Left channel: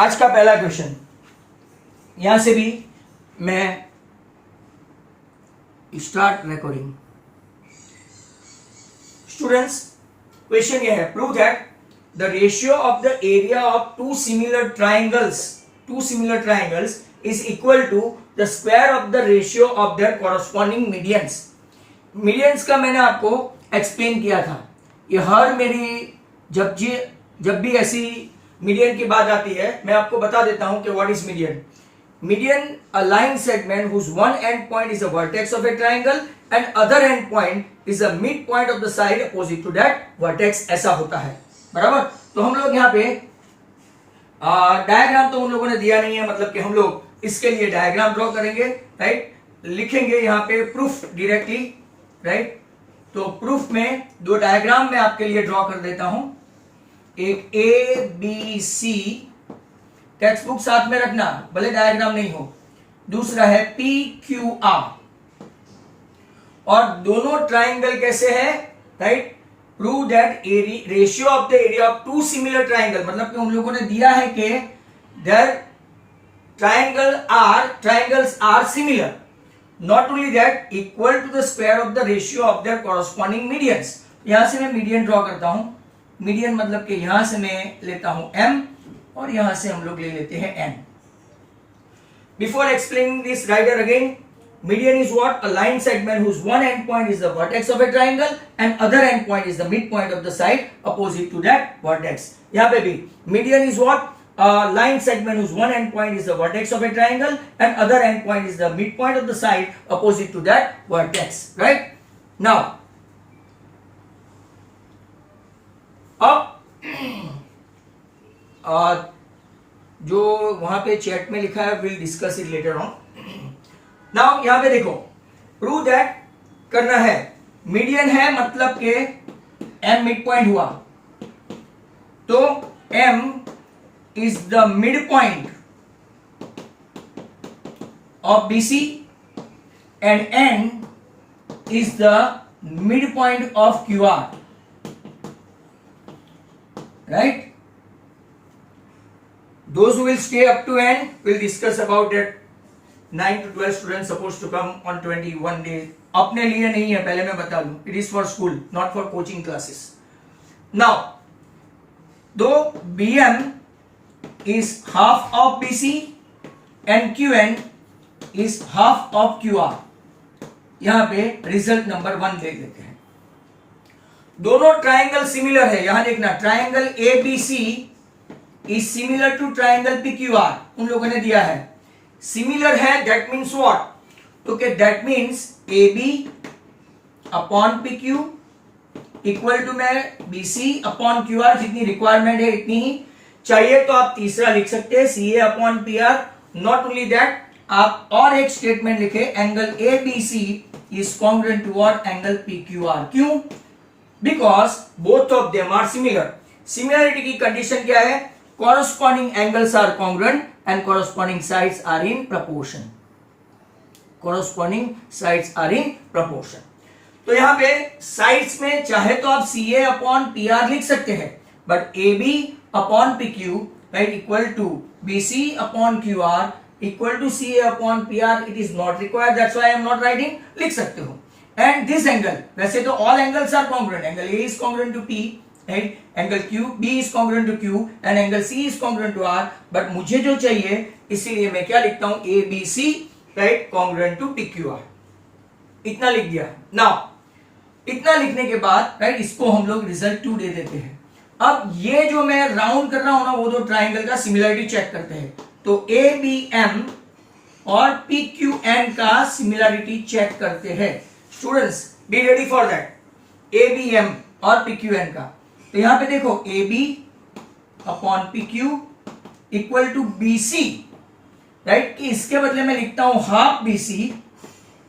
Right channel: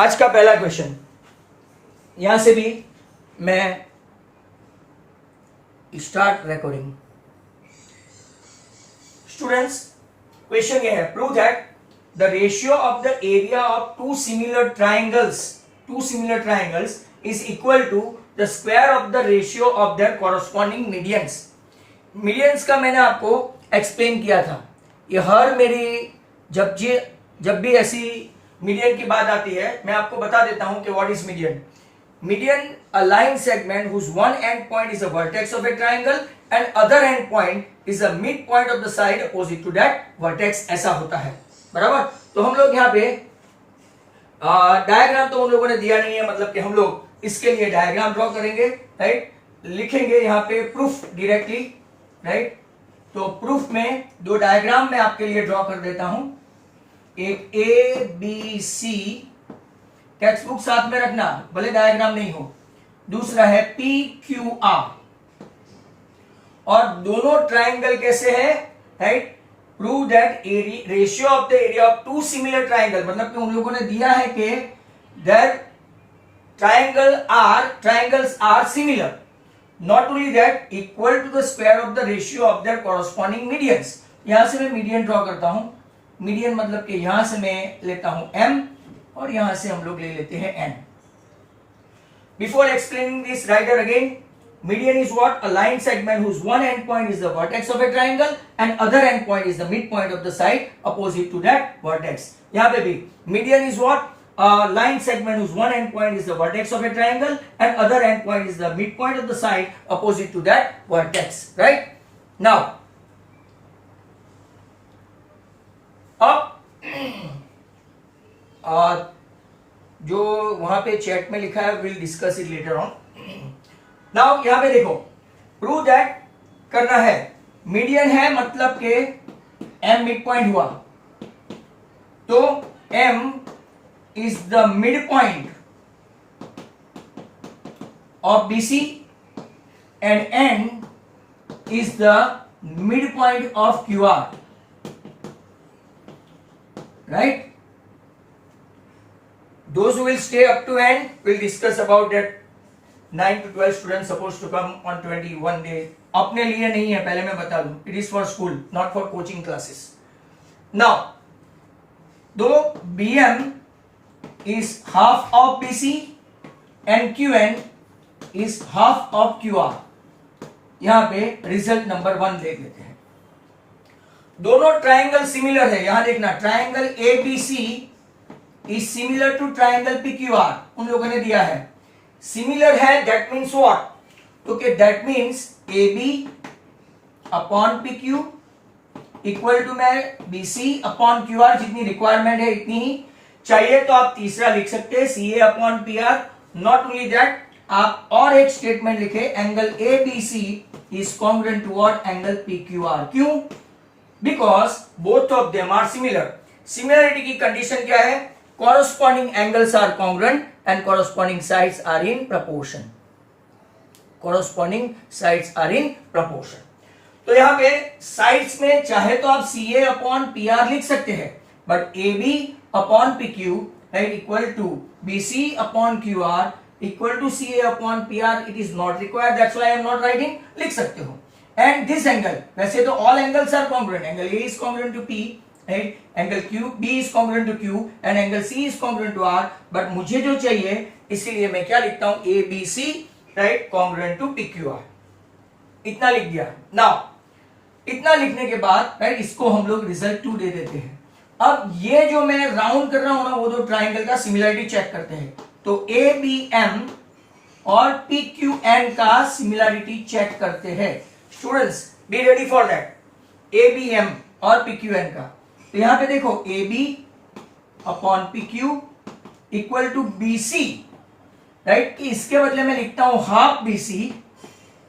आज का पहला क्वेश्चन, यहां से भी मैं स्टार्ट रिकॉर्डिंग। स्टूडेंट्स, क्वेश्चन ये है, prove that the ratio of the area of two similar triangles is equal to the square of the ratio of their corresponding medians. Medians का मैंने आपको एक्सप्लेन किया था। ये हर मेरी जब भी ऐसी मीडियन की बात आती है, मैं आपको बता देता हूं कि what is median. Median, a line segment whose one end point is a vertex of a triangle and other end point is a midpoint of the side opposite to that vertex, ऐसा होता है। बराबर। तो हम लोग यहाँ पे diagram तो उन लोगों ने दिया नहीं है, मतलब कि हम लोग इसके लिए डायग्राम ड्रॉ करेंगे, राइट। लिखेंगे यहाँ पे प्रूफ डायरेक्टली, राइट। तो प्रूफ में दो डायग्राम मैं आपके लिए ड्रॉ कर देता हूं। एक ABC, टेक्स्ट बुक साथ में रखना, भले डायग्राम नहीं हो। दूसरा है PQR, और दोनों ट्राइंगल कैसे है, right. Prove that ratio of the area of two similar triangle, मतलब कि उन लोगों ने दिया है कि their triangles are similar, not only that equal to the square of the ratio of their corresponding medians. यहां से मैं मीडियन ड्रॉ करता हूं। मीडियन मतलब कि यहां से मैं लेता हूं M और यहां से हम लोग ले लेते हैं N। Before explaining this, writer again, median is what? A line segment whose one end point is the vertex of a triangle and other end point is the mid point of the side opposite to that vertex. यहां पे भी median is what? A line segment whose one end point is the vertex of a triangle and other end point is the mid point of the side opposite to that vertex, right. Now अब जो वहां पे chat में लिखा है, will discuss it later on. Now यहां पे देखो, प्रूव दैट करना है, मीडियन है मतलब के M मिड पॉइंट हुआ, तो M is the mid point of BC and N is the mid point of QR, right? Those who will stay up to end will discuss about that 9 to 12 students supposed to come on 21 days. अपने लिए नहीं है, पहले मैं बता दूं, it is for school, not for coaching classes. Now, though BM is half of BC and QN is half of QR, यहां पे रिजल्ट नंबर 1 देख लेते हैं। दोनों ट्राइंगल सिमिलर है, यहां देखना, triangle ABC is similar to triangle PQR, उन लोगों ने दिया है। सिमिलर है, दैट मीन्स व्हाट? तो कि that means AB upon PQ equal to मैं BC अपॉन QR, जितनी रिक्वायरमेंट है इतनी ही चाहिए, तो आप तीसरा लिख सकते हैं CA upon PR। Not only that, आप और एक स्टेटमेंट लिखे, angle ABC is congruent to what? Angle PQR। क्यों? Because both of them are similar. Similarity की कंडीशन क्या है? corresponding angles are congruent and corresponding sides are in proportion. corresponding sides are in proportion. तो यहां पे sides में चाहे तो आप CA अपॉन PR लिख सकते हैं, but AB upon PQ, right, equal to BC upon QR equal to CA upon PR, it is not required, that's why I am not writing. लिख सकते हो। एंड दिस एंगल, वैसे तो all angles are congruent, angle A is congruent to P, right? Angle B is congruent to Q and angle C is congruent to R, but मुझे जो चाहिए, इसीलिए मैं क्या लिखता हूं? ABC, right, congruent to PQR। इतना लिख दिया। Now, इतना लिखने के बाद, right, इसको हम लोग रिजल्ट 2 दे देते हैं। अब ये जो मैं राउंड कर रहा हूं ना, वो दो ट्राइंगल का सिमिलरिटी चेक करते हैं। तो ABM और PQN का सिमिलरिटी चेक करते हैं। Students, be ready for that. ABM और PQN का, तो यहां पे देखो, AB upon PQ equal to BC, right, कि इसके बदले में लिखता हूं हाफ BC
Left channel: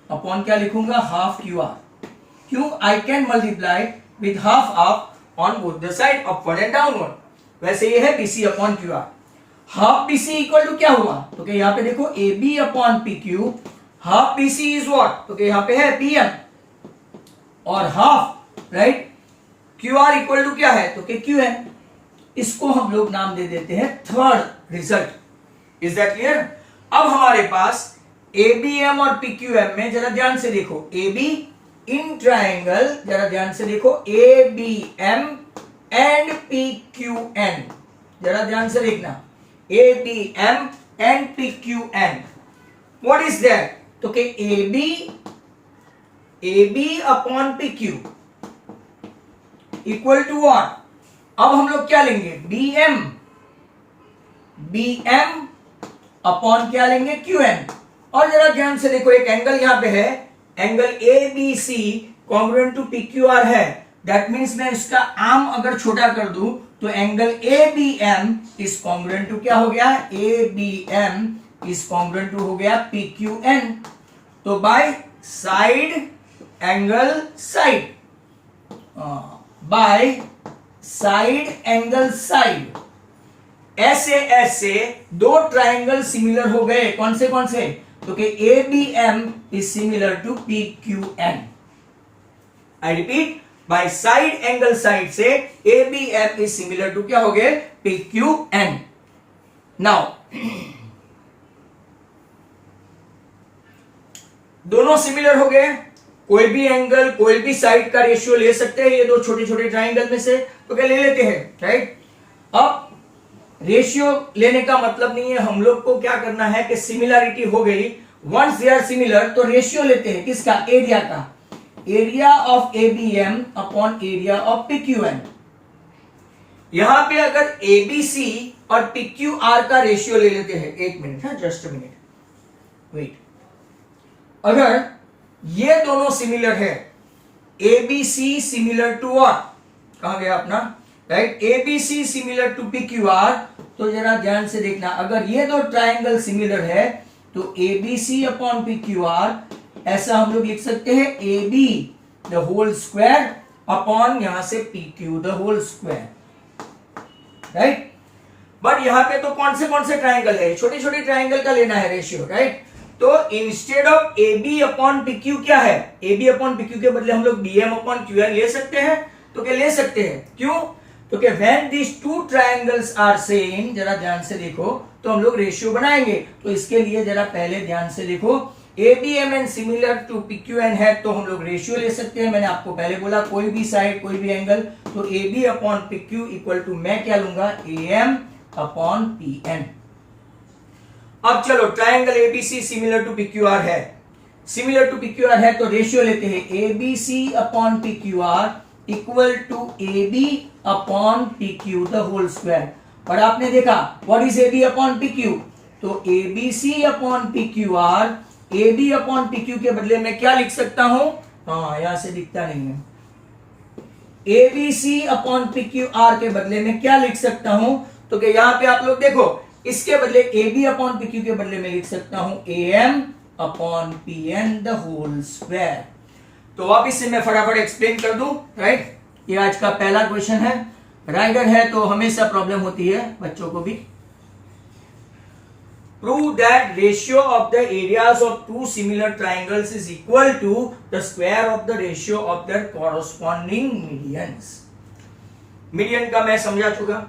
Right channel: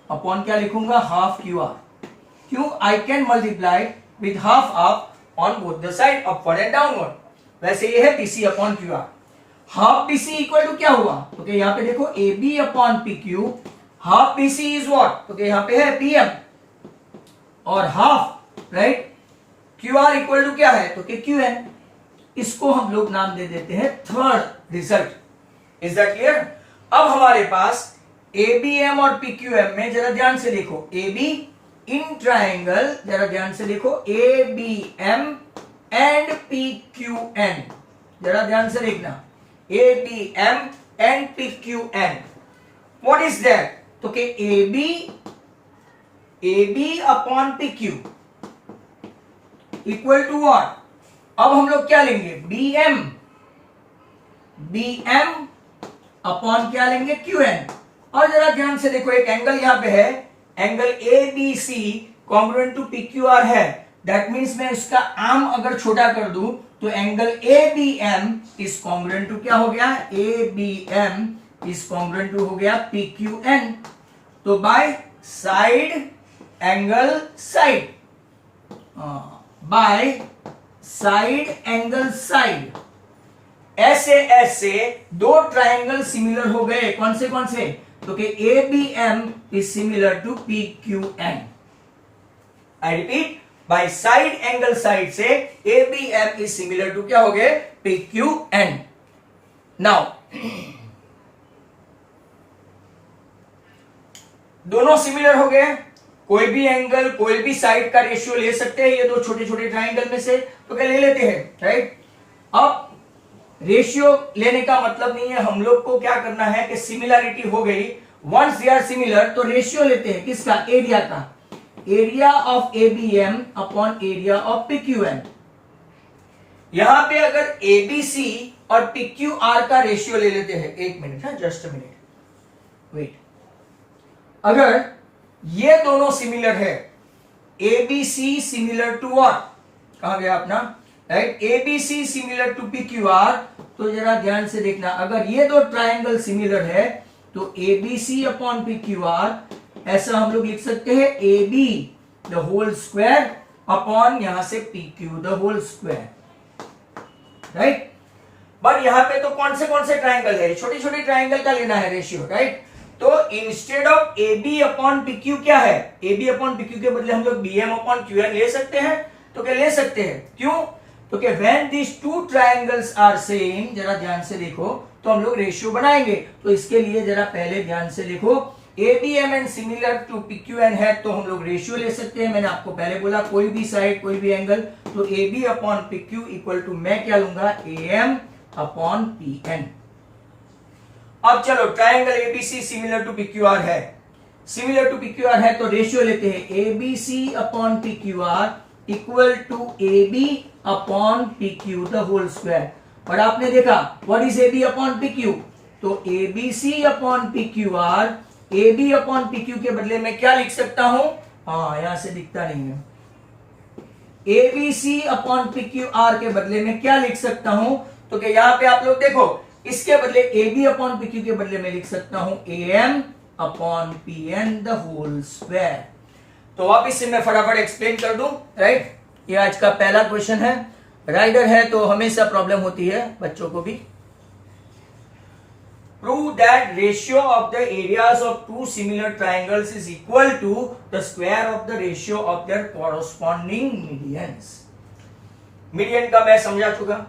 अपॉन क्या लिखूंगा? Half QR। क्यों? I can multiply with half of on both the side, upward and downward. वैसे ये है BC upon QR। Half BC equal to क्या हुआ? तो कि यहां पे देखो, AB upon PQ, half BC is what? तो कि यहां पे है PM और half, right, QR equal to क्या है? तो कि QN। इसको हम लोग नाम दे देते हैं third result. Is that clear? अब हमारे पास एबीएम और पीक्यूएम में जरा ध्यान से देखो, एबी इन ट्राइंगल, जरा ध्यान से देखो, एबीएम एंड पीक्यूएन, जरा ध्यान से देखना, ABM and PQN, what is that? तो कि AB upon PQ equal to what? अब हम लोग क्या लेंगे? BM अपॉन क्या लेंगे? QN। और जरा ध्यान से देखो, एक एंगल यहां पे है, angle ABC congruent to PQR है, दैट मीन्स मैं इसका आर्म अगर छोटा कर दूं तो angle ABM is congruent to क्या हो गया? ABM इज कॉन्ग्रुएंट टू हो गया PQN। तो bye side angle side, bye side angle side, ऐसे दो ट्राइंगल सिमिलर हो गए। कौन से? तो कि ABM is similar to PQN। I repeat, by side angle side से ABM इज सिमिलर टू क्या हो गए? PQN। नाउ दोनों सिमिलर हो गए, कोई भी एंगल कोई भी साइड का रेशियो ले सकते हैं ये दो छोटे छोटे ट्राइंगल में से, तो क्या ले लेते हैं, राइट? अब रेशियो लेने का मतलब नहीं है, हम लोग को क्या करना है कि सिमिलरिटी हो गई, वंस दे आर सिमिलर तो रेशियो लेते हैं किसका? एरिया का, area of ABM upon area of PQN। यहां पे अगर ABC और PQR का रेशियो ले लेते हैं, एक मिनट है, जस्ट अ मिनट वेट, अगर ये दोनों सिमिलर है, ABC सिमिलर टू व्हाट? कहां गया अपना, right? ABC similar to PQR, तो जरा ध्यान से देखना, अगर ये दो ट्राइंगल सिमिलर है तो ABC अपॉन PQR, ऐसा हम लोग लिख सकते हैं AB the whole square upon यहां से PQ the whole square, right? But यहां पे तो कौन से ट्राइंगल है? छोटे छोटे ट्राइंगल का लेना है रेशियो, राइट? तो instead of AB upon PQ क्या है? AB अपॉन PQ के बदले हम लोग BM अपॉन QN ले सकते हैं, तो क्या ले सकते हैं? क्यों? तो क्या when this two triangles are same, जरा ध्यान से देखो, तो हम लोग रेशियो बनाएंगे। तो इसके लिए जरा पहले ध्यान से देखो, ABMN सिमिलर टू PQN है तो हम लोग रेशियो ले सकते हैं। मैंने आपको पहले बोला कोई भी साइड कोई भी एंगल, तो AB upon PQ equal to मैं क्या लूंगा? AM upon PN। अब चलो, triangle ABC similar to PQR है, सिमिलर टू PQR है तो रेशियो लेते हैं, ABC upon PQR equal to AB upon PQ the whole square. और आपने देखा what is AB upon PQ, तो ABC upon PQR, AB upon PQ के बदले में क्या लिख सकता हूं? हाँ, यहां से दिखता नहीं है, ABC अपॉन PQR के बदले में क्या लिख सकता हूं? तो क्या यहां पे आप लोग देखो, इसके बदले AB अपॉन PQ के बदले में लिख सकता हूं AM upon PN the whole square. तो वापिस से मैं फटाफट एक्सप्लेन कर दूं, राइट? ये आज का पहला क्वेश्चन है, राइडर है तो हमेशा प्रॉब्लम होती है बच्चों को भी। Prove that ratio of the areas of two similar triangles is equal to the square of the ratio of their corresponding medians. Median का मैं समझा चुका,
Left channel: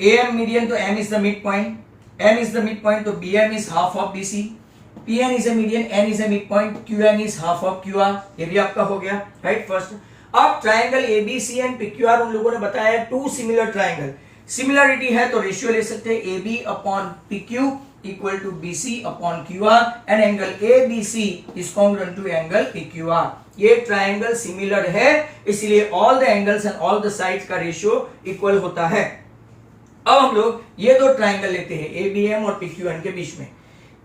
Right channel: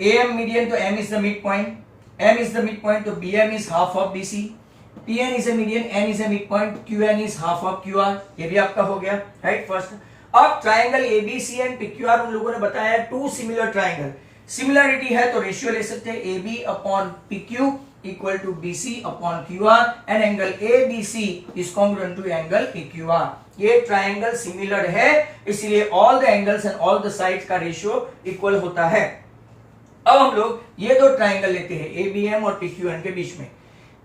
AM मीडियन तो M is the mid point, M is the mid point तो BM is half of BC, PN is a median, N is a mid point, QN is half of QR। ये भी आपका हो गया, right? First. अब triangle ABC and PQR उन लोगों ने बताया टू सिमिलर ट्राइंगल, सिमिलरिटी है तो रेशियो ले सकते हैं, AB upon PQ equal to BC upon QR and angle ABC is congruent to angle PQR। ये ट्राइंगल सिमिलर है, इसलिए all the angles and all the sides का रेशियो इक्वल होता है। अब हम लोग ये दो ट्राइंगल लेते हैं ABM और PQN के बीच में,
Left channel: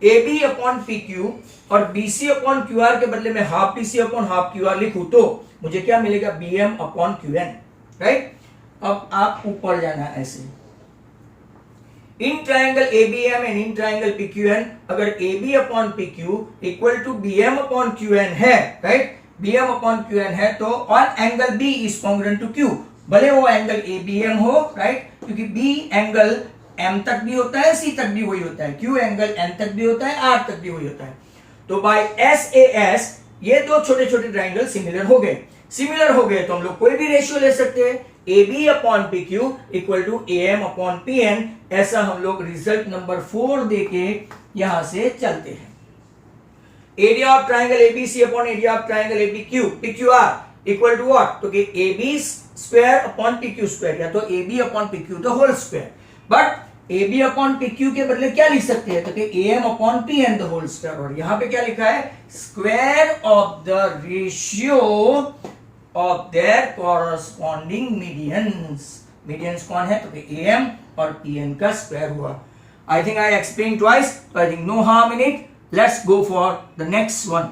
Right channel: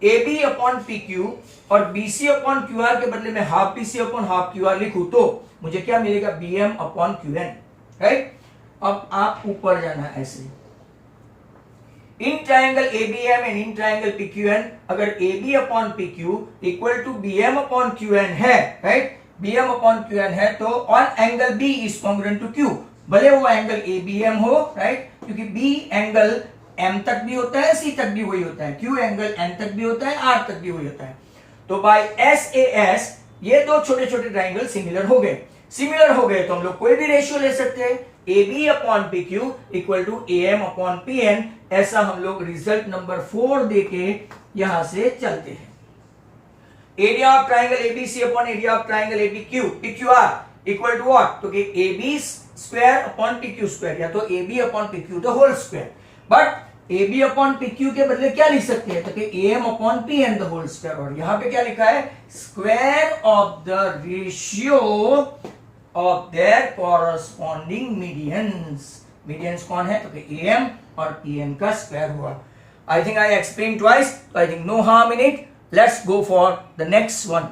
AB अपॉन PQ और BC अपॉन QR के बदले में half BC upon half QR लिखूं तो मुझे क्या मिलेगा? BM upon QN, right? अब आप ऊपर जाना ऐसे, in triangle ABM and in triangle PQN, अगर AB upon PQ equal to BM upon QN है, राइट? BM अपॉन QN है तो on angle B is congruent to Q, भले वो एंगल ABM हो, राइट? क्योंकि B एंगल M तक भी होता है, C तक भी वही होता है, Q एंगल N तक भी होता है, R तक भी वही होता है। तो बाय SAS ये दो छोटे छोटे ट्राइंगल सिमिलर हो गए, सिमिलर हो गए तो हम लोग कोई भी रेशियो ले सकते हैं, A B upon P Q equal to A M upon P N. ऐसा हम लोग रिजल्ट नंबर 4 देके यहां से चलते हैं। Area of triangle ABC upon area of triangle ABQ P Q R equal to what, तो A B square upon P Q square, या तो A B upon P Q the whole square. But A B upon P Q के बदले क्या लिख सकते हैं, तो A M upon P N the whole square. और यहां पे क्या लिखा है, square of the ratio of their corresponding medians. Medians कौन है, तो ए एम और पी एन का स्क्वायर हुआ। I think I explain twice, I think no harm in it. Let's go for the next one.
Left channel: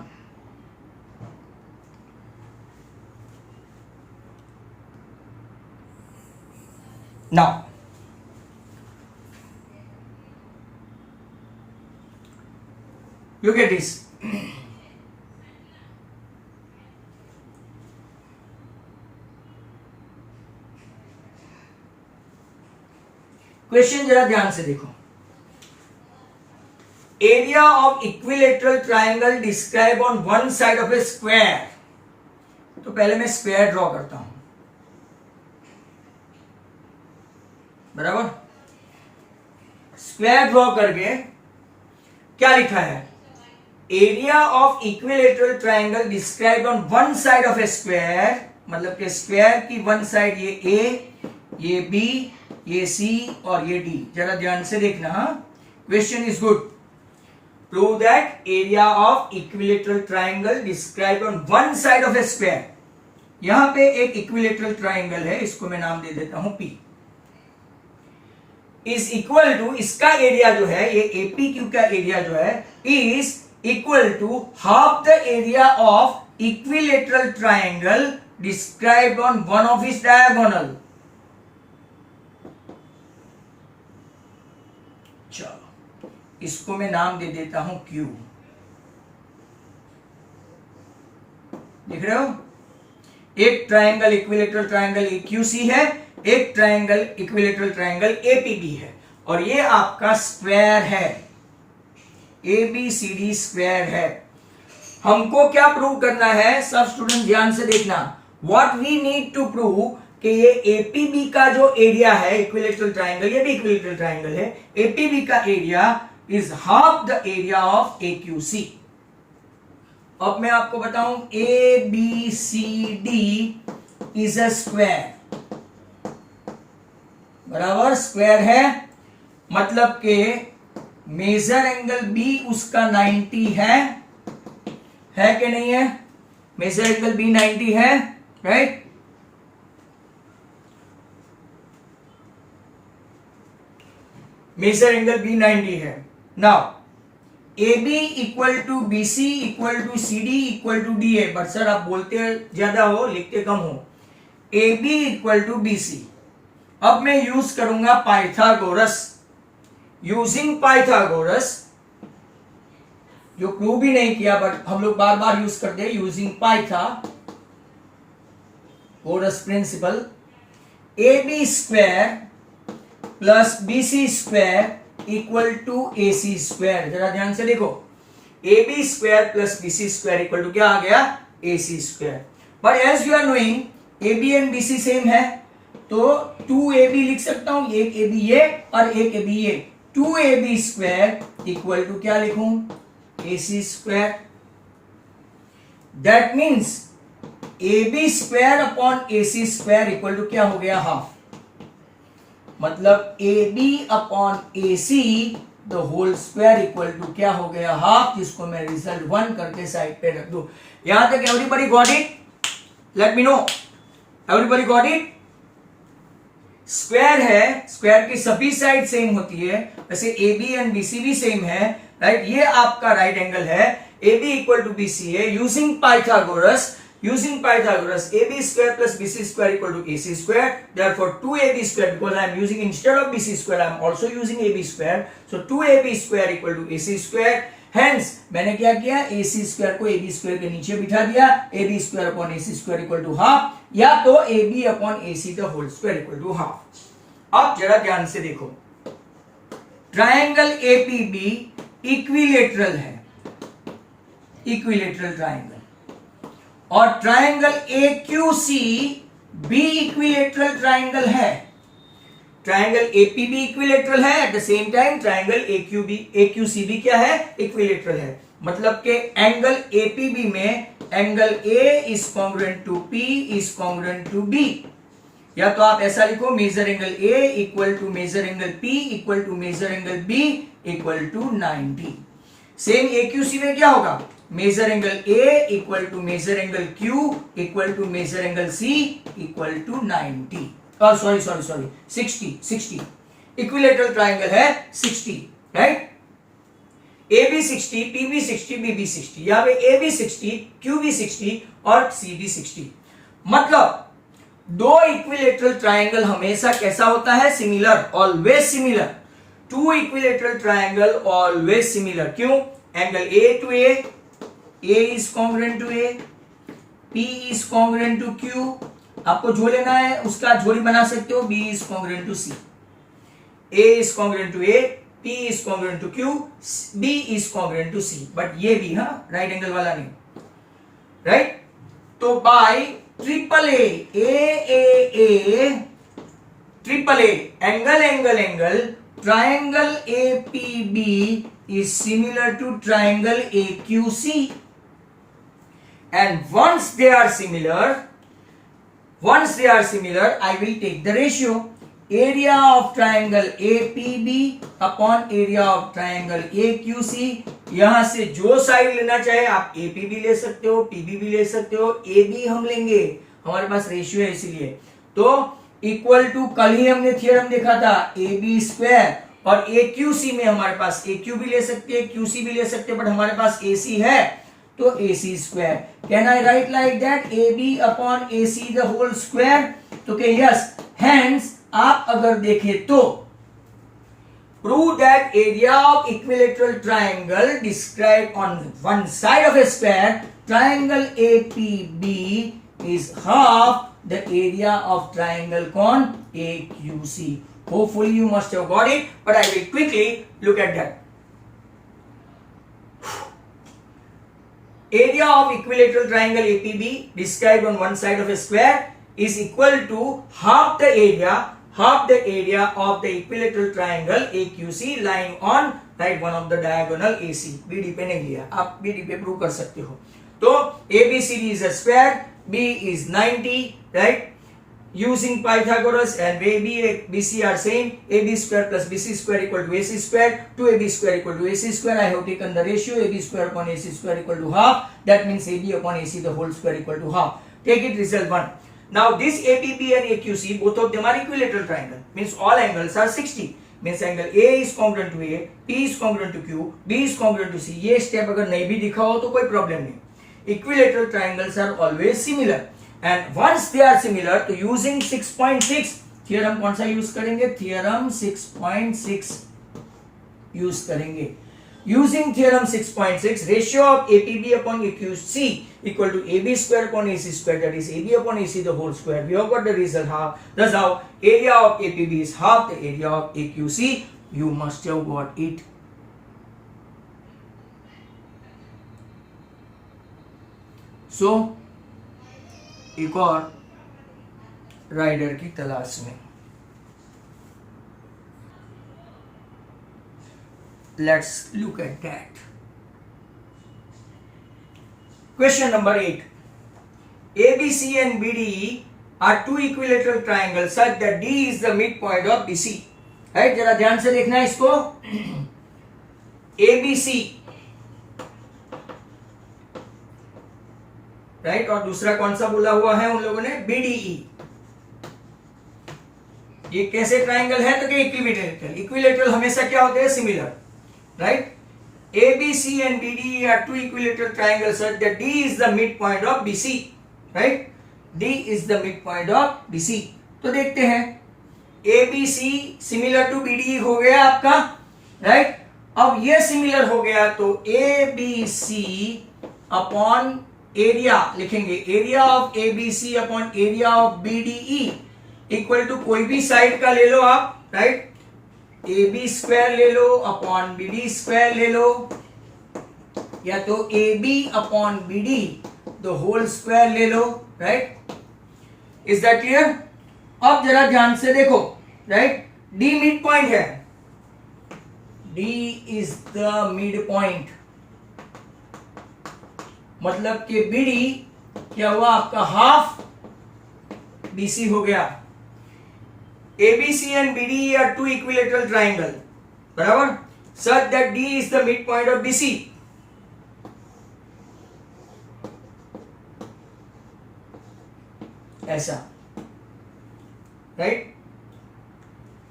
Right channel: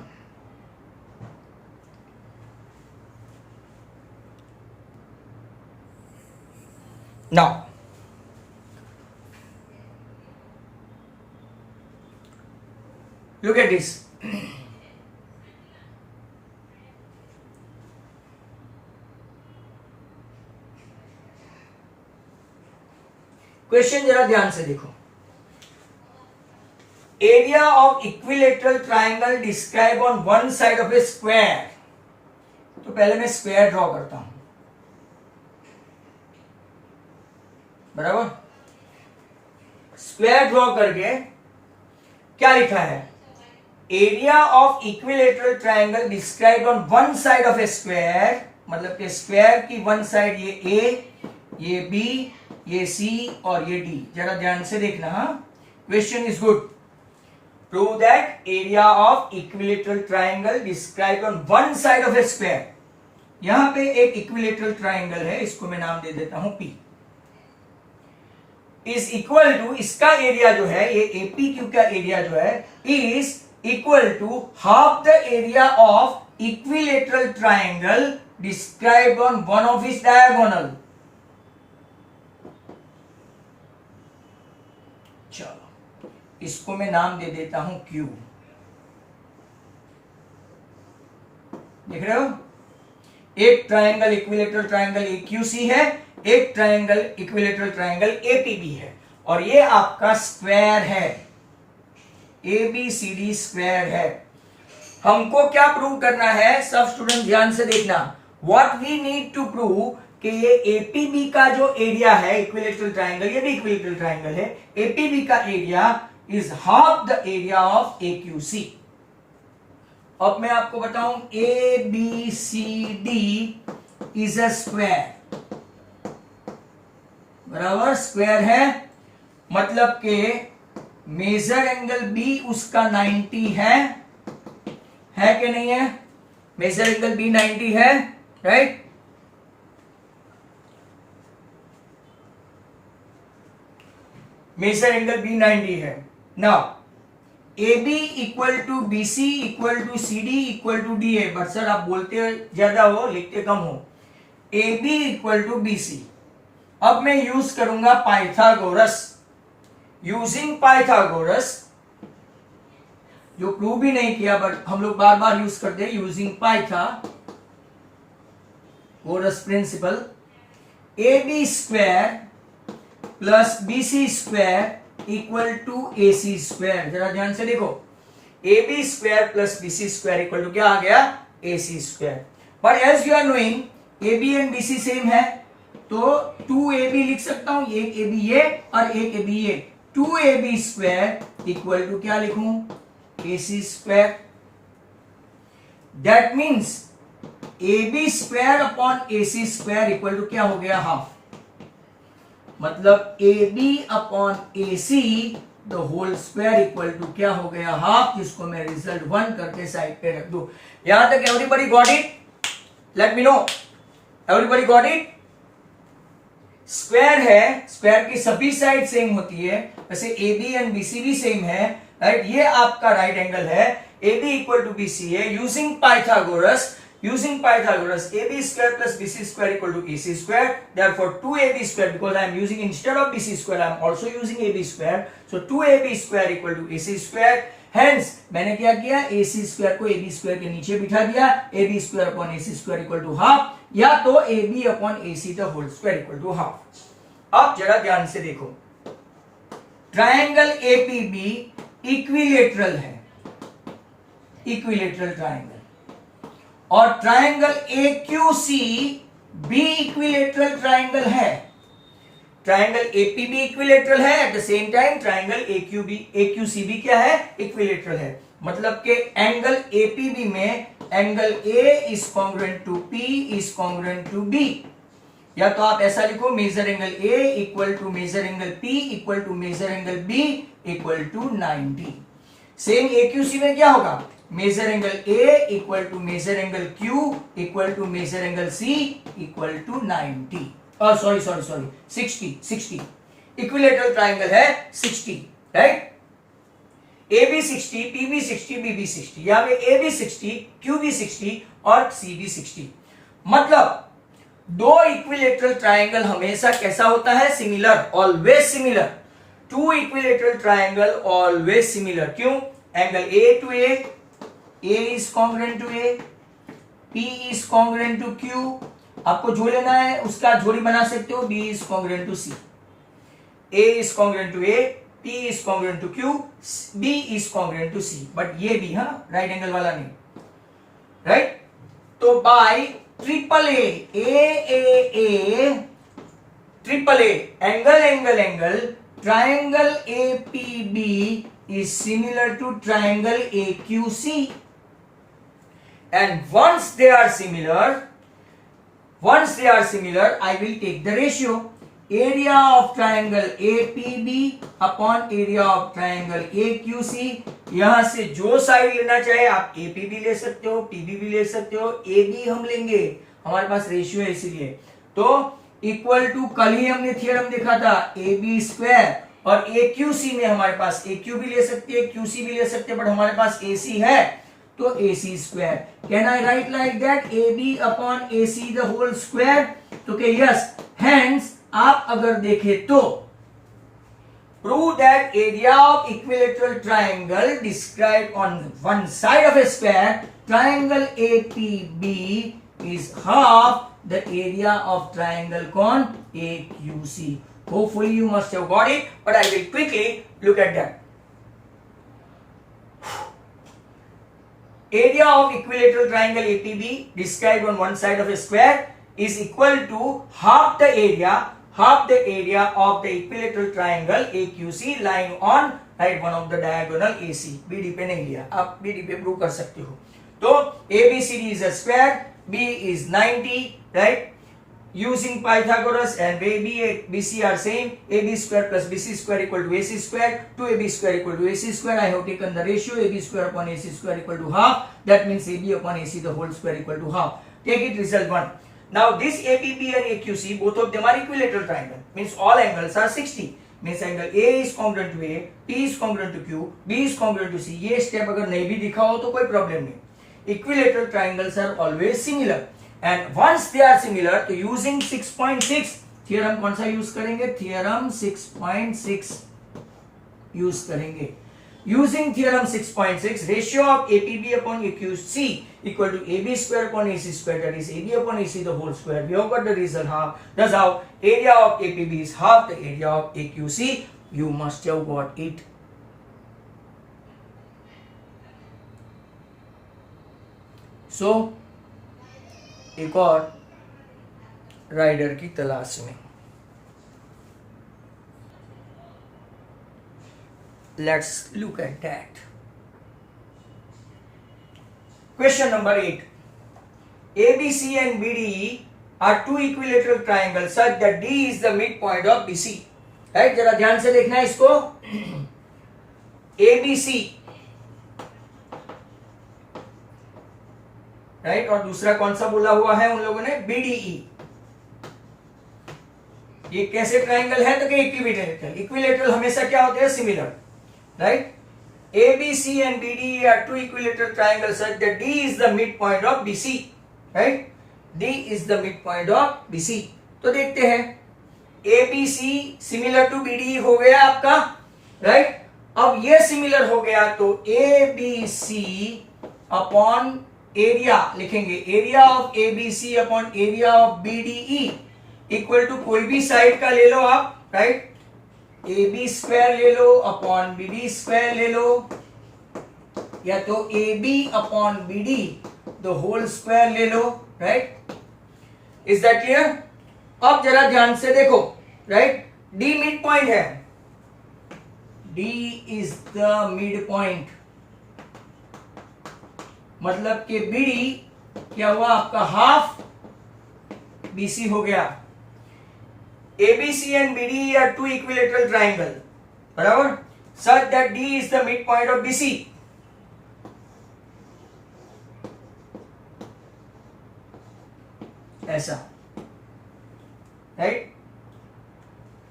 Now, look at this. Question जरा ध्यान से देखो। Area of equilateral triangle describe on one side of a square. तो पहले मैं square draw करता हूं, बराबर। स्क्वायर ड्रॉ करके क्या लिखा है, area of equilateral triangle describe on one side of a square, मतलब कि स्क्वायर की वन साइड ये ए, ये बी, ये सी और ये डी। जरा ध्यान से देखना, question is good. Prove that area of equilateral triangle described on one side of a square। यहां पे एक इक्विलेटरल ट्राइंगल है, इसको मैं नाम दे देता हूं P, इज इक्वल टू, इसका एरिया जो है, ये एपी क्यू का एरिया जो है, is equal to half the area of equilateral triangle described on one of its diagonal. चलो इसको मैं नाम दे देता हूं Q। देख रहे हो, एक ट्राइंगल इक्विलेटरल ट्राइंगल AQC है, एक ट्राइंगल इक्विलेटरल ट्राइंगल APB है, और ये आपका स्क्वायर है, ABCD स्क्वायर है। हमको क्या प्रूव करना है, सब स्टूडेंट ध्यान से देखना। What we need to prove कि ये APB का जो एरिया है, इक्विलेटरल ट्राइंगल, ये भी इक्विलेटरल ट्राइंगल है, APB का area is half the area of AQC। अब मैं आपको बताऊं, ABCD is a square, बराबर स्क्वायर है, मतलब के मेजर एंगल B उसका 90 है कि नहीं है, मेजर एंगल B 90 है, राइट। मेजर एंगल B 90 है। Now AB equal to BC equal to CD equal to DA। But sir आप बोलते ज्यादा हो, लिखते कम हो। AB equal to BC। अब मैं यूज करूंगा पाइथागोरस। यूजिंग पाइथागोरस, जो प्रूव भी नहीं किया बट हम लोग बार बार यूज करते हैं, using Pythagoras principle, AB square plus BC square equal to AC square. जरा ध्यान से देखो, AB square plus BC square equal to क्या आ गया, AC square. But as you are knowing AB and BC same है, तो 2AB लिख सकता हूं, एक AB ये और एक AB ये। 2AB स्क्वायर इक्वल टू क्या लिखूं, AC square. That means AB square upon AC square equal to क्या हो गया, हाफ। मतलब AB upon AC the whole square equal to क्या हो गया, हाफ, जिसको मैं रिजल्ट 1 करके साइड पे रख दूं। यहां तक everybody got it? Let me know, everybody got it? Square है, स्क्वायर की सभी साइड सेम होती है, वैसे AB एंड BC भी सेम है, राइट। ये आपका राइट एंगल है, AB इक्वल टू BC है। Using Pythagoras, AB square plus BC square equal to AC square. Therefore 2AB square, because I am using instead of BC square I am also using AB square, so 2AB square equal to AC square. Hence मैंने क्या किया, AC square को AB square के नीचे बिठा दिया, AB square upon AC square equal to half, या तो AB upon AC the whole square equal to half। अब जरा ध्यान से देखो, ट्राइंगल APB इक्विलेटरल है, इक्विलेटरल ट्राइंगल, और ट्राइंगल AQC बी इक्विलेटरल ट्राइंगल है, ट्राइंगल एपीबी इक्विलेटरल है, at the same time triangle AQC भी क्या है, इक्विलेटरल है। मतलब कि एंगल एपीबी में angle A is congruent to P is congruent to B, या तो आप ऐसा लिखो measure angle A equal to measure angle P equal to measure angle B equal to 90। Same एक्यूसी में क्या होगा, measure angle A equal to measure angle Q equal to measure angle C equal to 90, sorry 60 equilateral triangle है 60, right. AB 60, PB 60, BB 60, यहां पे AB 60, QB 60 और CB 60। मतलब दो equilateral triangle हमेशा कैसा होता है, similar, always similar. Two equilateral triangle always similar, क्यों, angle A to A is congruent to A, P is congruent to Q, आपको जो लेना है उसका जोड़ी बना सकते हो, B is congruent to C, A is congruent to A, P is congruent to Q, B is congruent to C, but ये भी है राइट एंगल वाला नहीं, राइट। तो by triple A triple angle triangle APB is similar to triangle AQC, and once they are similar I will take the ratio area of triangle APB upon area of triangle AQC। यहां से जो side लेना चाहे आप APB ले सकते हो, PB भी ले सकते हो, AB हम लेंगे, हमारे पास रेशियो है इसीलिए। तो इक्वल टू, कल ही हमने थियरम देखा था AB स्क्वायर, और AQC में हमारे पास AQ भी ले सकते हैं, QC भी ले सकते हैं, बट हमारे पास AC है तो AC स्क्वायर। Can I write like that, AB upon AC the whole square. तो के यस, हेंस आप अगर देखें तो prove that area of equilateral triangle describe on one side of a square triangle APB is half the area of triangle con AQC. Hopefully you must have got it, but I will quickly look at that. Area of equilateral triangle APB described on one side of a square is equal to half the area of the equilateral triangle AQC lying on right one of the diagonal AC. BD पे नहीं लिया, आप BD पे prove कर सकते हो। तो ABCD is a square, B is 90, right? Using Pythagoras and BC are same, AB square plus BC square equal to AC square, 2AB square equal to AC square. I have taken the ratio AB square upon AC square equal to half. That means AB upon AC the whole square equal to half. Take it, result 1. Now this APB and AQC, both of them are equilateral triangle. Means all angles are 60. Means angle A is congruent to A, P is congruent to Q, B is congruent to C. ये step अगर नहीं भी दिखा हो तो कोई problem नहीं। Equilateral triangles are always similar. And once they are similar, तो using 6.6 theorem कौन सा यूज करेंगे, theorem 6.6 यूज करेंगे। Using theorem 6.6, ratio of APB upon AQC equal to AB square upon AC square, that is AB upon AC the whole square. We have got the result half. That's how area of APB is half the area of AQC. You must have got it. So एक और rider की तलाश में, let's look at that. Question number 8, ABC and BDE are two equilateral triangles such that D is the midpoint of BC. Right, जरा ध्यान से देखना है इसको। ABC, राइट, और दूसरा कौन सा बोला हुआ है उन लोगों ने, BDE। ये कैसे ट्राइंगल है, तो क्या इक्विलेटरल। इक्विलेटरल हमेशा क्या होते हैं, similar, right. ABC and BDE are two equilateral triangles such that D is the midpoint of BC, right? D is the midpoint of BC। तो देखते हैं, ABC सिमिलर टू BDE हो गया आपका, राइट। अब ये सिमिलर हो गया तो ABC अपॉन एरिया लिखेंगे, area of ABC upon area of BDE equal to कोई भी साइड का ले लो आप, राइट। AB स्क्वायर ले लो अपॉन BD स्क्वायर ले लो, या तो AB upon BD the whole square ले लो, राइट। Is that clear? अब जरा ध्यान से देखो, राइट, डी मिड पॉइंट है, D is the mid point, मतलब कि बीडी क्या हुआ आपका, हाफ बीसी हो गया। ABC and BD are two equilateral triangle, बराबर, such that D is the mid point of BC. ऐसा, right,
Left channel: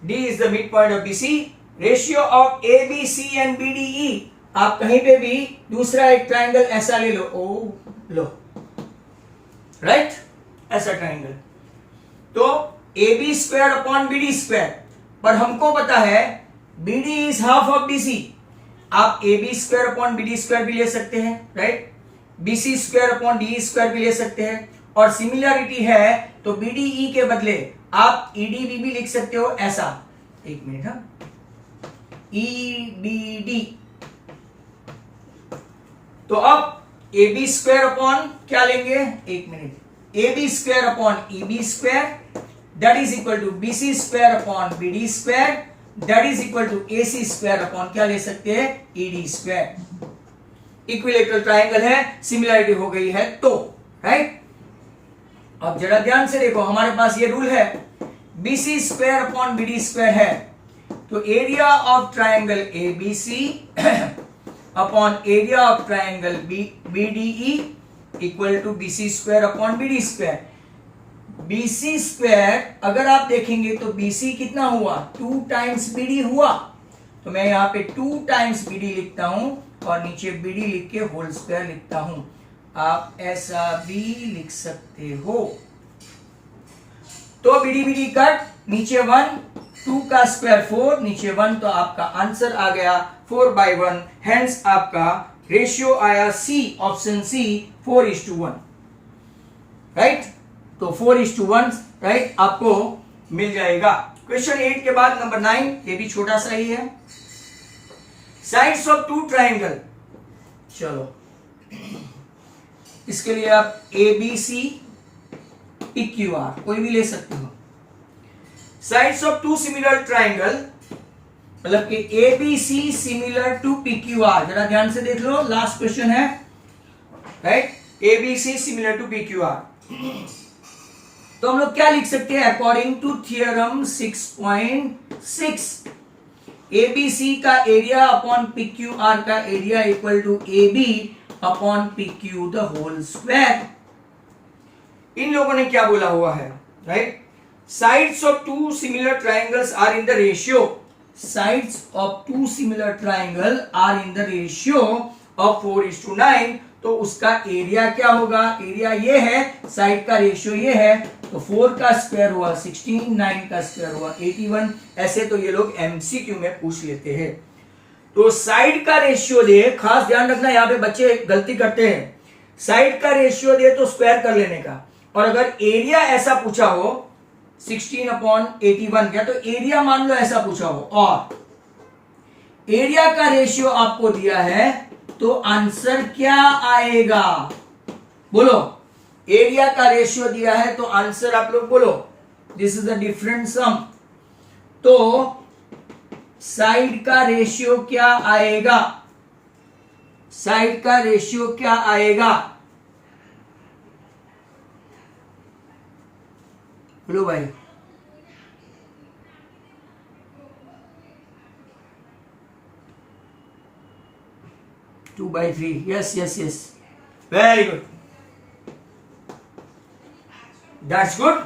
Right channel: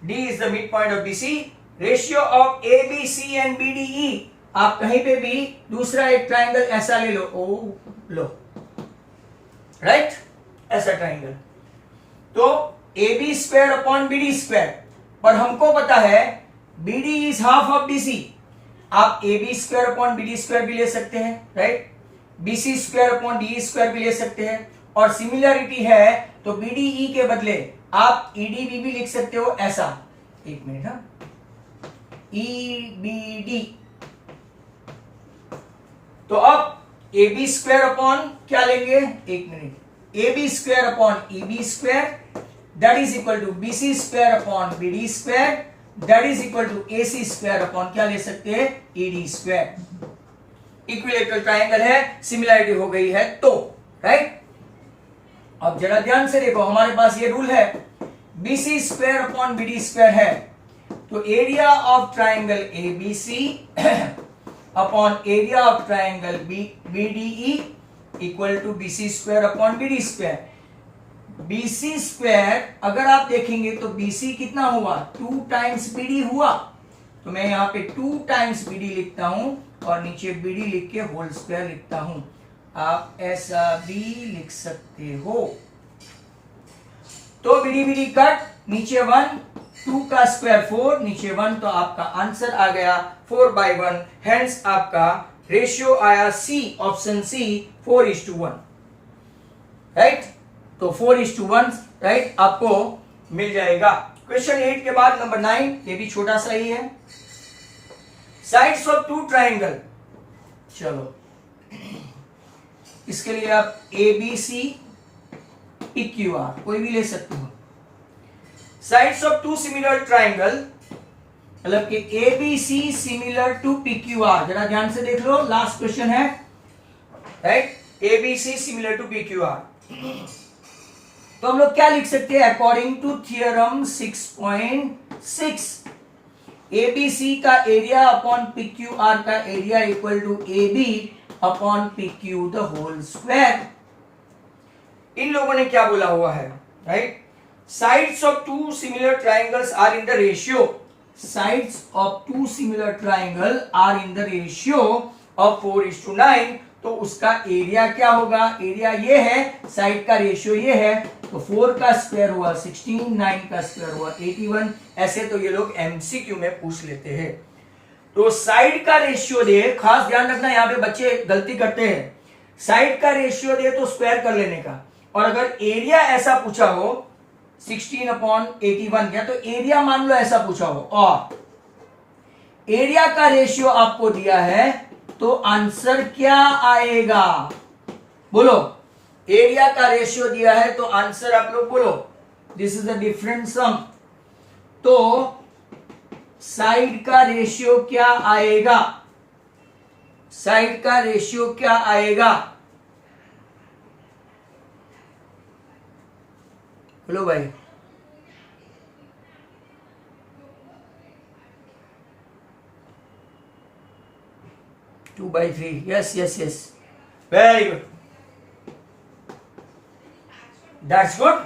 D is the mid point of BC. Ratio of A B C and B D E, आप कहीं पे भी दूसरा एक triangle ऐसा ले लो, ओ लो, राइट, ऐसा ट्राइंगल, तो A B square upon B D square, पर हमको पता है B D is half of B C, आप A B square upon B D square भी ले सकते हैं, right, B C square upon D square भी ले सकते हैं, और सिमिलरिटी है तो बी डी ई के बदले आप ई डी बी भी लिख सकते हो ऐसा, एक मिनट, हाँ, ई बी डी, तो अब ए बी स्क्वायर अपॉन क्या लेंगे, एक minute, A B square upon E B square that is equal to B C square upon B D square that is equal to A C square upon क्या ले सकते हैं, E D square. Equilateral triangle है, similarity हो गई है तो, right. अब जरा ध्यान से देखो, हमारे पास ये रूल है, B C square upon B D square है, तो area of triangle A B C upon area of triangle B D E equal to B C square upon B D square. B C square अगर आप देखेंगे तो B C कितना हुआ, 2 times B D हुआ, तो मैं यहां पे 2 टाइम्स बी डी लिखता हूं और नीचे बी डी लिख के होल स्क्वायर लिखता हूं, आप ऐसा भी लिख सकते हो। तो बी डी कट, नीचे 1, 2 का स्क्वायर 4, नीचे 1, तो आपका आंसर आ गया 4/1, हेंस आपका रेशियो आया सी, ऑप्शन सी 4:1, राइट, तो 4:1, राइट, आपको मिल जाएगा। क्वेश्चन 8 के बाद नंबर 9, ये भी छोटा सा ही है, साइड्स ऑफ 2 ट्राइंगल, चलो इसके लिए आप A B C P Q R कोई भी ले सकते हो। साइड्स ऑफ 2 सिमिलर ट्राइंगल, मतलब कि A B C similar to P Q R, जरा ध्यान से देख लो, लास्ट क्वेश्चन है, right, A B C similar to P Q R, तो हम लोग क्या लिख सकते हैं, according to theorem 6.6, A B C का area upon P Q R का area equal to A B upon P Q the whole square. इन लोगों ने क्या बोला हुआ है, right, sides of 2 similar triangles are in the ratio, sides of 2 similar triangle are in the ratio of 4:9, तो उसका एरिया क्या होगा, एरिया ये है, साइड का रेशियो ये है, तो 4 का स्क्वायर हुआ 16, 9 का स्क्वायर हुआ 81, ऐसे तो ये लोग एमसीक्यू में पूछ लेते हैं। तो साइड का रेशियो दे, खास ध्यान रखना, यहाँ पे बच्चे गलती करते हैं, साइड का रेशियो दे तो स्क्वायर कर लेने का, और अगर एरिया ऐसा पूछा हो 16/81 क्या, तो एरिया मान लो ऐसा पूछा हो, और एरिया का रेशियो आपको दिया है, तो आंसर क्या आएगा, बोलो, एरिया का रेशियो दिया है तो आंसर आप लोग बोलो, this is the different sum, तो साइड का रेशियो क्या आएगा, साइड का रेशियो क्या आएगा, बोलो भाई, two by 3, yes yes yes, very good, that's good.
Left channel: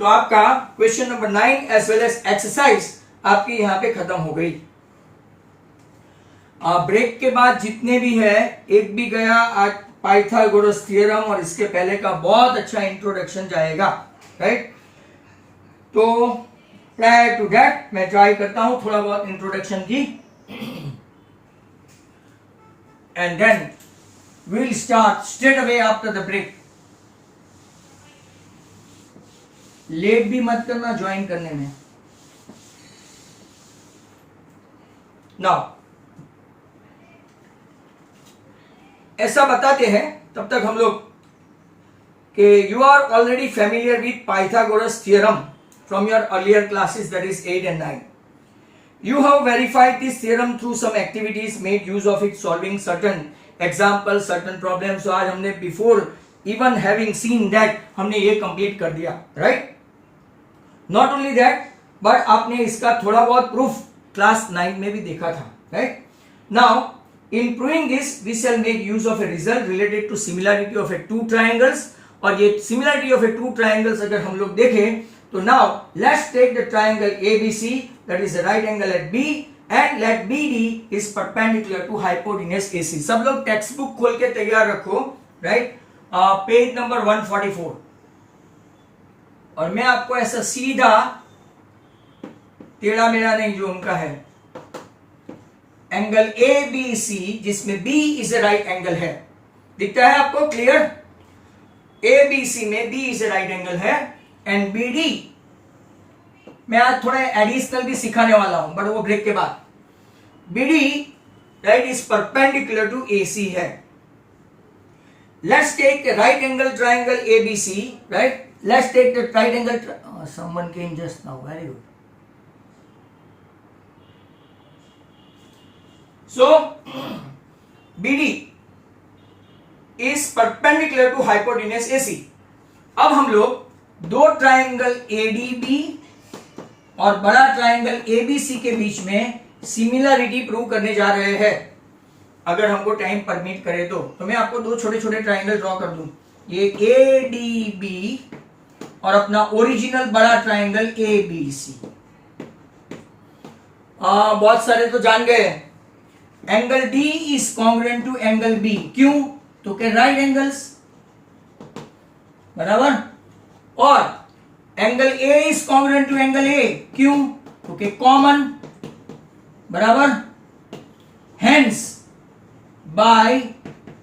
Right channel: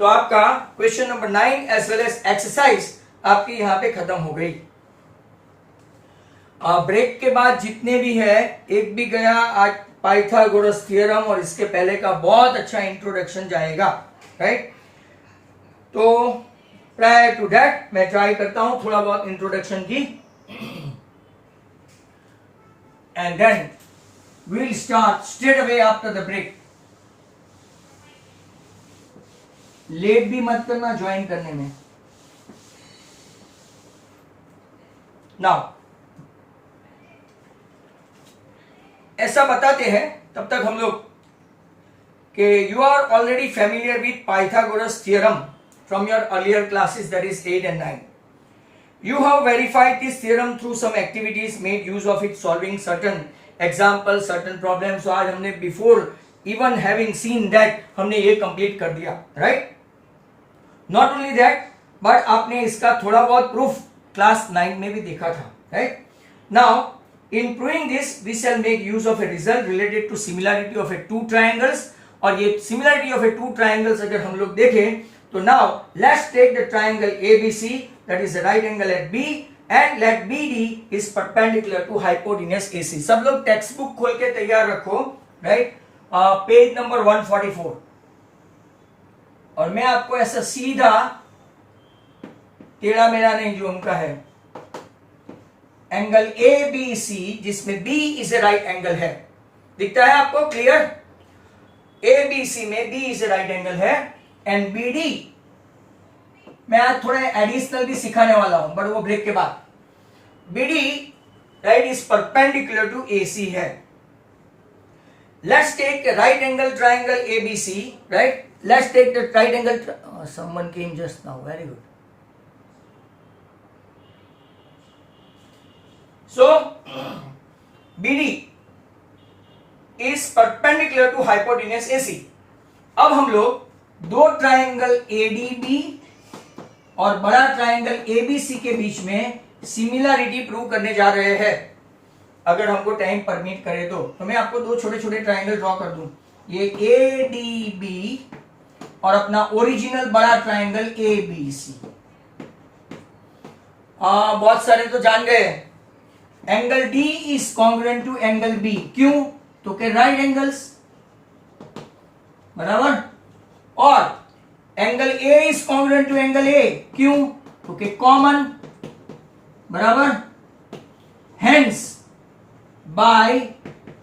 तो आपका question number 9 as well as exercise आपकी यहां पे खत्म हो गई। ब्रेक के बाद जितने भी है, एक भी गया आज पाइथागोरस थ्योरम, और इसके पहले का बहुत अच्छा इंट्रोडक्शन जाएगा, राइट। तो प्रायर टू दैट मैं ट्राई करता हूं थोड़ा बहुत इंट्रोडक्शन की, and then we'll start straight away after the break. Late भी मत करना ज्वाइन करने में। नाउ ऐसा बताते हैं, तब तक हम लोग कि you are already familiar with Pythagoras theorem from your earlier classes, that is 8 and 9. You have verified this theorem through some activities, made use of it solving certain examples, certain problems. So आज हमने before even having seen that हमने ये complete कर दिया, right? Not only that, but आपने इसका थोड़ा बहुत proof class 9 में भी देखा था, right? Now in proving this, we shall make use of a result related to similarity of a two triangles. और ये similarity of a two triangles अगर हम लोग देखें तो now let's take the triangle ABC, that is the right angle at B, and let BD is perpendicular to hypotenuse AC. सब लोग text book खोल के तैयार रखो, right? Page number 144. और मैं आपको ऐसा सीधा टेढ़ा मेढ़ा नहीं जो उनका है, एंगल ABC जिसमें B is a right angle है, दिखता है आपको क्लियर? ABC में B is a right angle है एंड BD मैं आज थोड़े एडिशनल भी सिखाने वाला हूं, बट वो ब्रेक के बाद. BD right is perpendicular to AC है. Let's take right angle triangle ABC, right? Let's take the right angle. Someone came just now, very good. So BD is perpendicular to hypotenuse AC. अब हम लोग दो triangle ADB और बड़ा triangle ABC के बीच में सिमिलरिटी प्रूव करने जा रहे हैं, अगर हमको टाइम परमिट करे तो मैं आपको दो छोटे छोटे ट्राइंगल ड्रॉ कर दूं. ये ADB और अपना ओरिजिनल बड़ा ट्राइंगल ABC. बहुत सारे तो जान गए. Angle D is congruent to angle B. क्यों? तो के राइट एंगल्स, बराबर. और angle A is congruent to angle A. क्यों? तो के कॉमन, बराबर. Hence by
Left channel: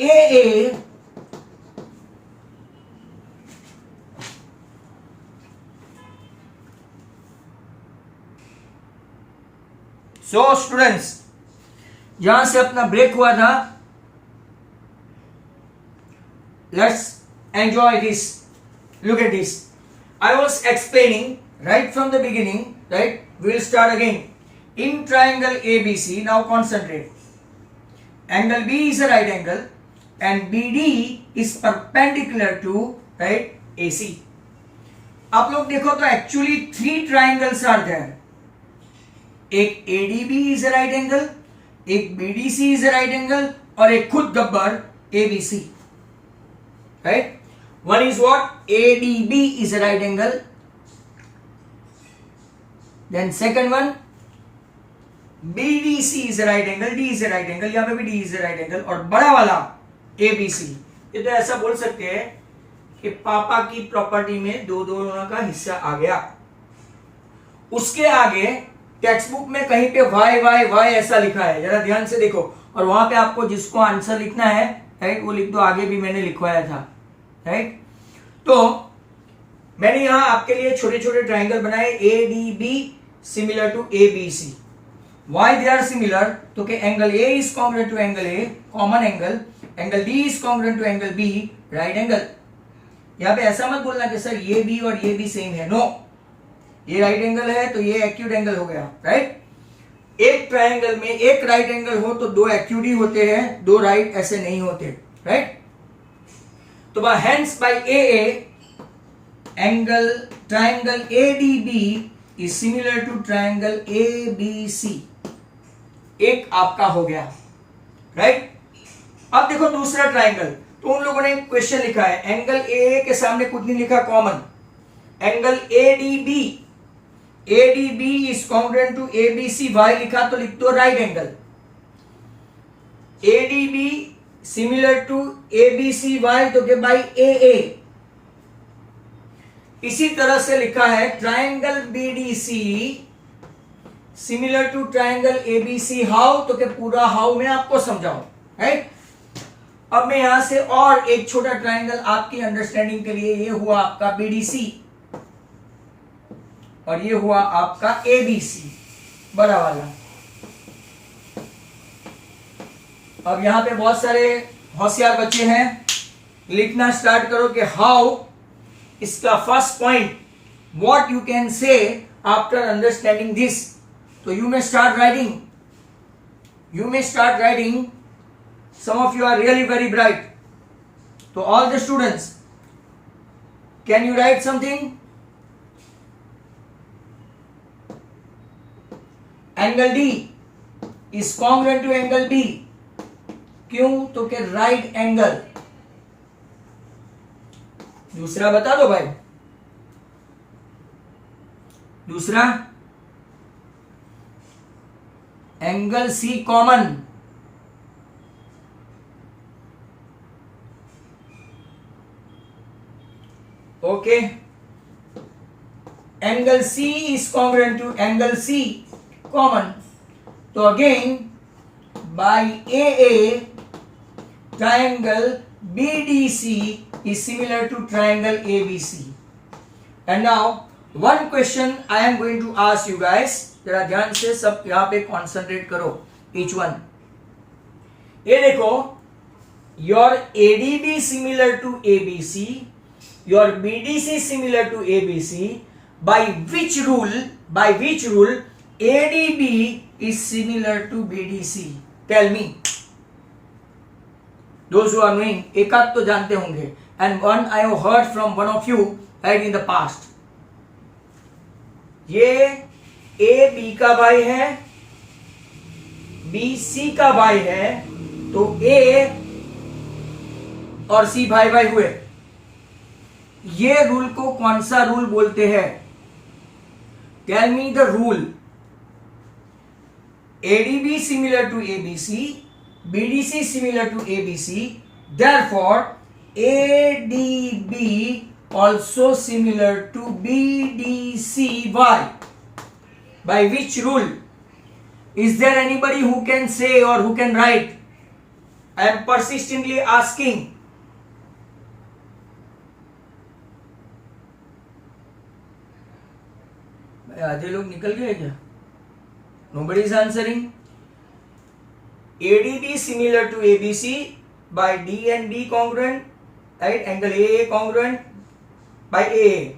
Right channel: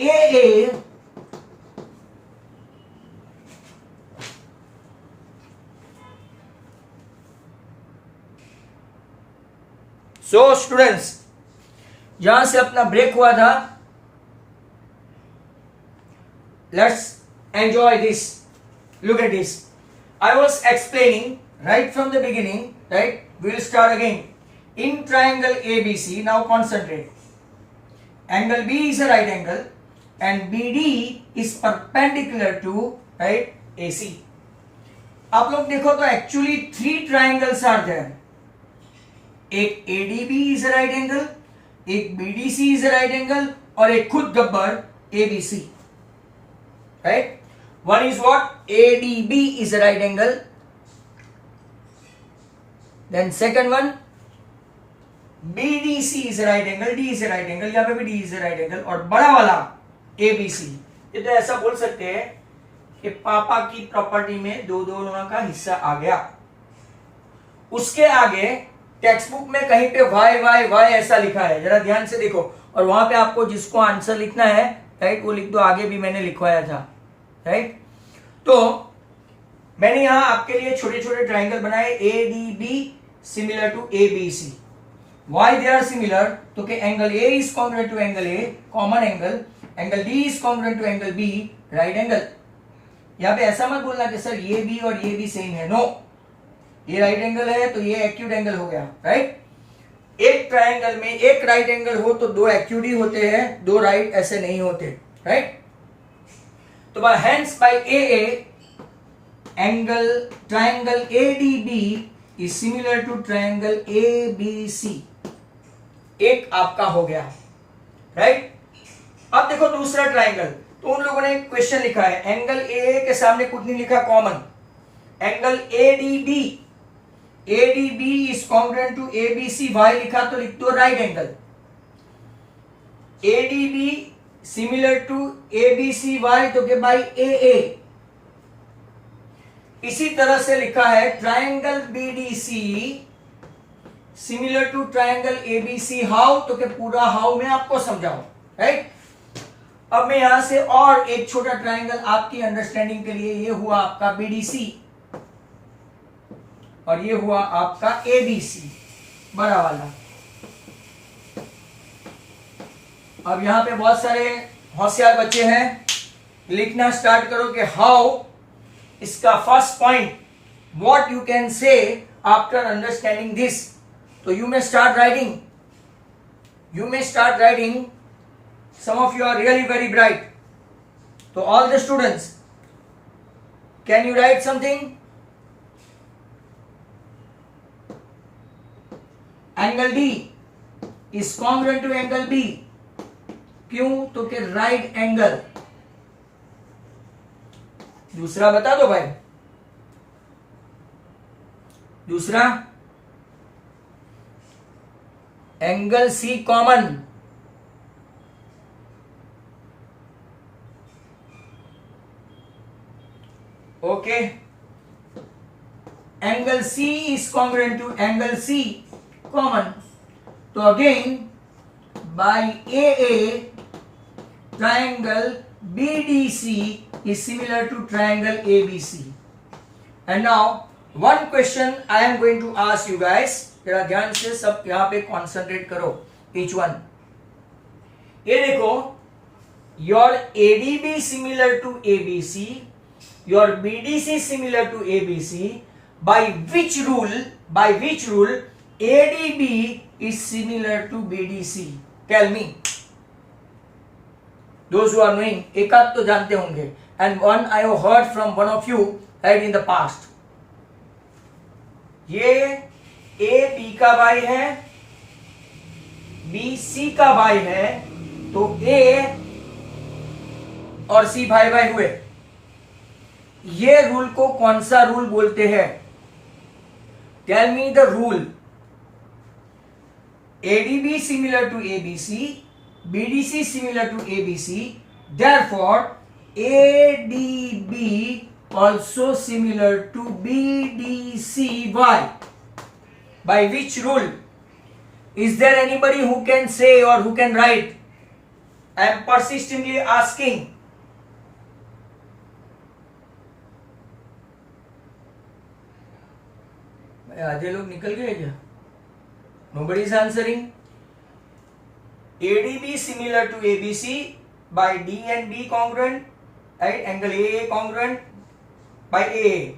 AA so students, यहां से अपना ब्रेक हुआ था. Let's enjoy this. Look at this. I was explaining right from the beginning, right? We'll start again. In triangle ABC, now concentrate. Angle B is a right angle and BD is perpendicular to, right, AC. आप लोग देखो तो actually three triangles are there. एक ADB is a right angle, एक BDC is a right angle और एक खुद Gabbar ABC, right? One is what? ADB is a right angle. Then second one, BDC is a right angle, D is a right angle, यहाँ पे भी D is a right angle. और बड़ा वाला ABC, ये तो ऐसा बोल सकते हैं कि पापा की प्रॉपर्टी में दो दोनों का हिस्सा आ गया. उसके आगे टेक्स्ट बुक में कहीं पे वाई वाई वाई ऐसा लिखा है, जरा ध्यान से देखो. और वहां पे आपको जिसको आंसर लिखना है, राइट, वो लिख दो. आगे भी मैंने लिखवाया था, राइट. तो मैंने यहां आपके लिए छोटे छोटे ट्राइंगल बनाए. ADB similar to ABC. Why they are similar? तो कि angle A is congruent to angle A, common angle. Angle D is congruent to angle B, right angle. यहां पे ऐसा मत बोलना कि सर ये B और ये भी सेम है. नो, ये राइट एंगल है तो ये एक्यूट एंगल हो गया, राइट. एक ट्राइंगल में एक राइट एंगल हो तो दो एक्यूट ही होते हैं, दो राइट ऐसे नहीं होते, राइट. तो hence by AA angle triangle ADB is similar to triangle ABC. एक आपका हो गया, राइट. अब देखो दूसरा ट्राइंगल. तो उन लोगों ने क्वेश्चन लिखा है, एंगल AA के सामने कुछ नहीं लिखा, common. Angle ADB is congruent to ABC. Why लिखा तो लिख दो right angle. ADB similar to ABC why, तो के बाई AA. इसी तरह से लिखा है triangle BDC similar to triangle ABC. How? तो के पूरा हाउ मैं आपको समझाऊं, राइट. अब मैं यहां से और एक छोटा ट्राइंगल आपकी अंडरस्टैंडिंग के लिए, ये हुआ आपका BDC और ये हुआ आपका ABC, बड़ा वाला. अब यहां पे बहुत सारे होशियार बच्चे हैं, लिखना स्टार्ट करो कि हाउ, इसका first point, what you can say after understanding this. तो you may start writing. Some of you are really very bright. So all the students, can you write something? Angle D is congruent to angle B. क्यों? तो के right angle. दूसरा बता दो भाई. दूसरा angle C common. Okay, angle C is congruent to angle C common. So again, by AA, triangle BDC is similar to triangle ABC. And now one question I am going to ask you guys. जरा ध्यान से सब यहाँ पे concentrate करो. Each one. ये देखो, your ADB similar to ABC. Your BDC similar to ABC. By which rule ADB is similar to BDC? Tell me. Those who are knowing, एक आध तो जानते होंगे. And one I have heard from one of you right in the past. ये A B का भाई है, B C का भाई है, तो A और C भाई भाई हुए. ये रूल को कौन सा रूल बोलते हैं? Tell me the rule. ADB similar to ABC, BDC similar to ABC, therefore ADB also similar to BDC. Why? By which rule? Is there anybody who can say or who can write? I am persistently asking. आधे लोग निकल गए क्या? Nobody is answering. ADB similar to ABC by D and D congruent, right? Angle AA congruent by AA.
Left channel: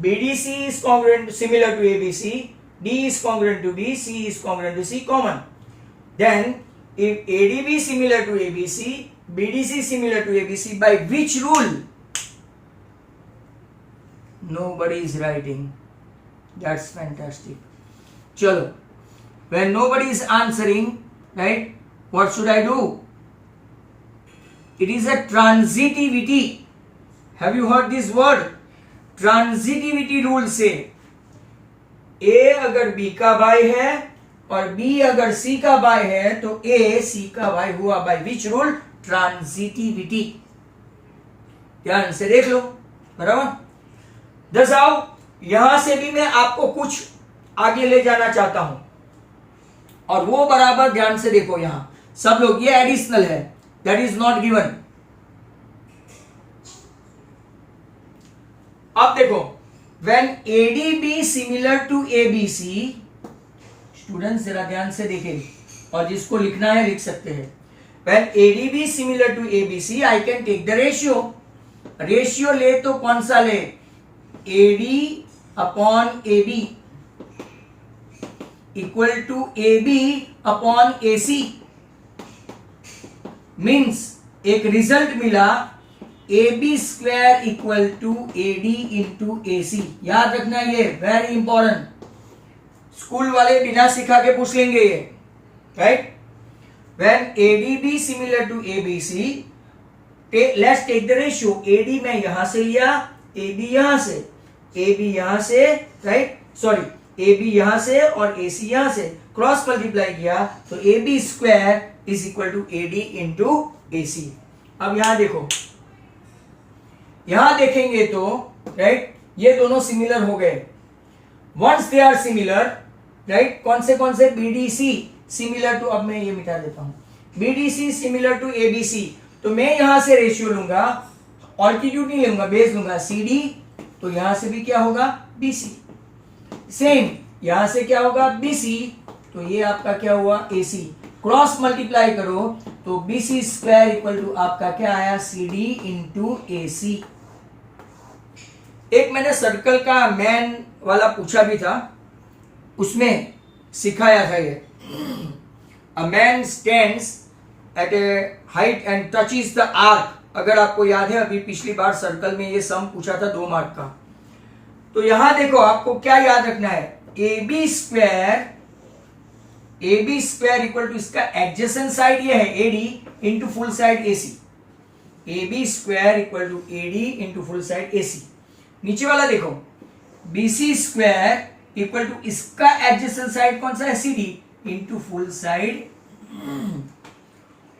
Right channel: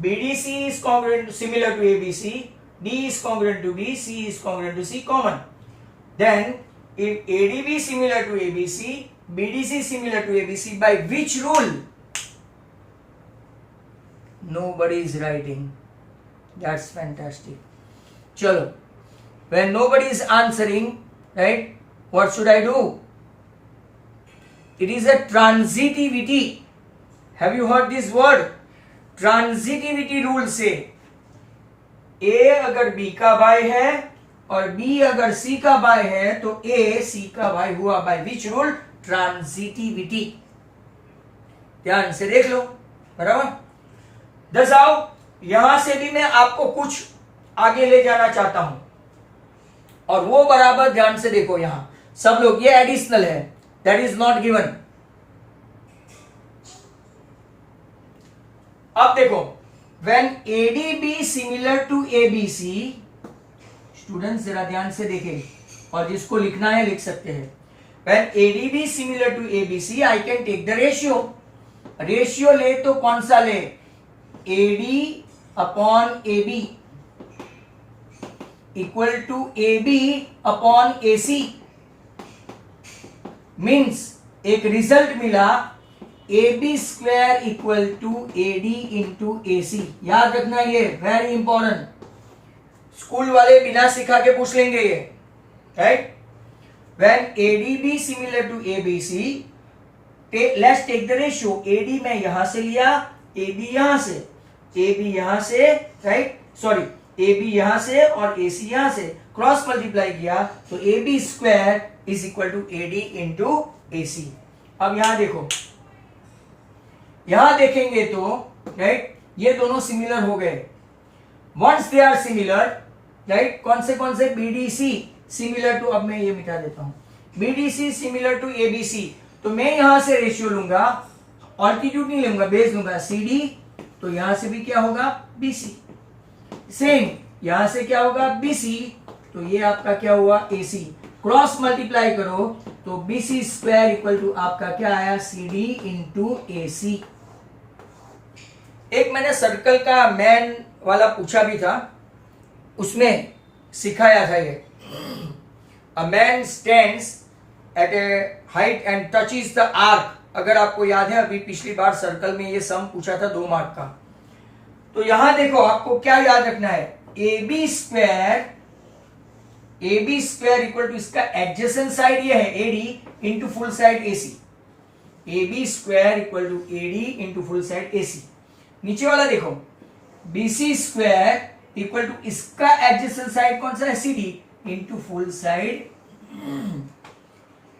BDC is congruent similar to ABC. D is congruent to B. C is congruent to C common. Then if ADB similar to ABC, BDC similar to ABC, by which rule? Nobody is writing. That's fantastic. Chalo. When nobody is answering, right? What should I do? It is a transitivity. Have you heard this word? Transitivity rule से A अगर B का भाई है और B अगर C का भाई है तो A C का भाई हुआ. By which rule? Transitivity. ध्यान से देख लो. बराबर. दस आओ. यहां से भी मैं आपको कुछ आगे ले जाना चाहता हूं और वो बराबर ध्यान से देखो. यहां सब लोग, ये एडिशनल है, दैट इज नॉट गिवन. अब देखो, when ADB similar to ABC, students जरा ध्यान से देखें और जिसको लिखना है लिख सकते हैं. When ADB similar to ABC, I can take the ratio ले तो कौन सा ले? AD upon AB equal to AB upon AC. Means एक रिजल्ट मिला AB square equal to AD into AC. याद रखना, ये वेरी इंपॉर्टेंट. स्कूल वाले बिना सिखा के पूछ लेंगे ये, right? When ADB similar to ABC, let's take the ratio. AD मैं यहां से लिया, AB यहां से, AB यहां से, राइट? सॉरी, AB यहां से और AC यहां से क्रॉस मल्टीप्लाई किया तो AB square is equal to AD into AC. अब यहां देखो, यहां देखेंगे तो राइट, ये दोनों सिमिलर हो गए. Once they are similar, right, कौन से BDC सिमिलर टू, अब मैं ये मिटा देता हूं, BDC सिमिलर टू ABC. तो मैं यहां से रेशियो लूंगा, ऑल्टीट्यूड नहीं लूंगा, बेस लूंगा CD. तो यहां से भी क्या होगा? BC. सेम यहां से क्या होगा? BC. तो ये आपका क्या हुआ? AC. क्रॉस मल्टीप्लाई करो तो BC स्क्वायर इक्वल टू आपका क्या आया, CD इंटू AC। एक मैंने सर्कल का मैन वाला पूछा भी था, उसमें सिखाया था ये, a man stands eight A height and touches the arc. अगर आपको याद है, अभी पिछली बार सर्कल में ये सम पूछा था 2 मार्क का। तो यहां देखो, आपको क्या याद रखना है, AB स्क्वायर इक्वल टू इसका एडजेसेंट साइड ये है AD into full side AC। AB square equal to AD into full side AC। नीचे वाला देखो, BC स्क्वायर इक्वल टू इसका एडजेसेंट साइड कौन सा है, CD इंटू फुल साइड।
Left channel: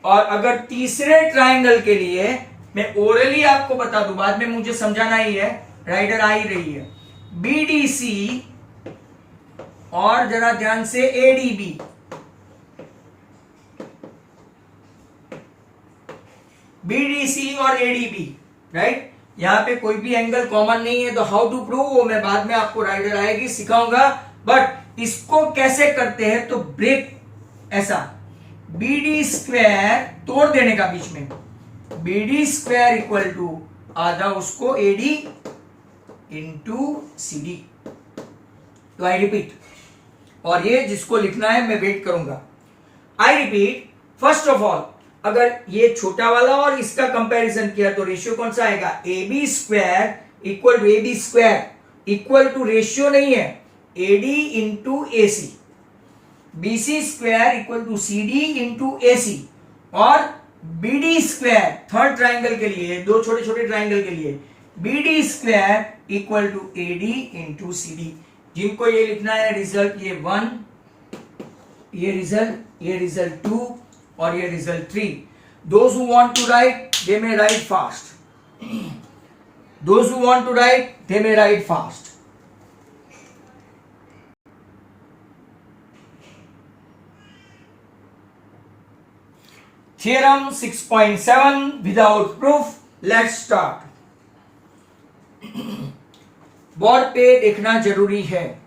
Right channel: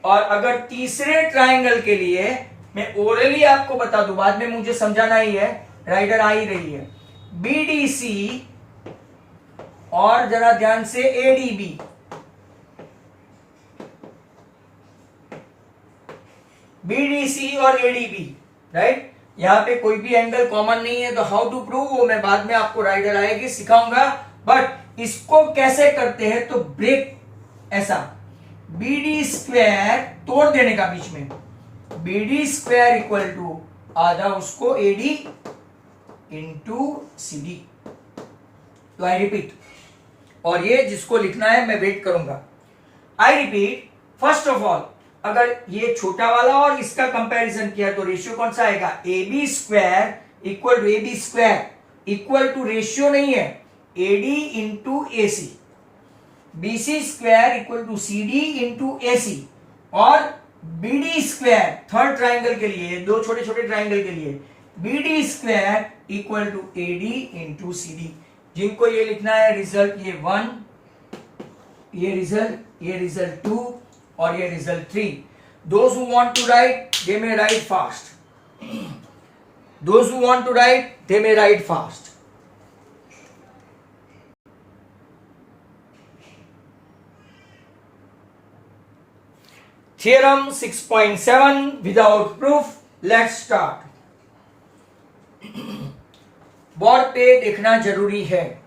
और अगर तीसरे ट्राइंगल के लिए मैं ओरली आपको बता दूं, बाद में मुझे समझाना ही है, राइडर आ ही रही है, BDC और जरा ध्यान से ADB, BDC और ADB, राइट। यहां पे कोई भी एंगल कॉमन नहीं है, तो हाउ टू प्रूव वो मैं बाद में आपको राइडर आएगी सिखाऊंगा। बट इसको कैसे करते हैं, तो ब्रेक ऐसा BD स्क्वायर तोड़ देने का बीच में, BD स्क्वायर इक्वल टू आधा उसको AD इंटू CD। तो आई रिपीट, और ये जिसको लिखना है मैं वेट करूंगा। I repeat, first of all अगर ये छोटा वाला और इसका कंपैरिजन किया तो रेशियो कौन सा आएगा, AB square equal to AD square equal to ratio नहीं है AD into AC, BC square equal to CD into AC, और BD स्क्वायर थर्ड ट्राइंगल के लिए, 2 छोटे छोटे ट्राइंगल के लिए BD square equal to AD into CD। जिनको ये लिखना है रिजल्ट, ये 1, ये रिजल्ट 2 और ये result 3। Those who want to write, they may write fast. Those who want to write, they may write fast. Theorem 6.7 without proof. Let's start. Board पे देखना जरूरी है।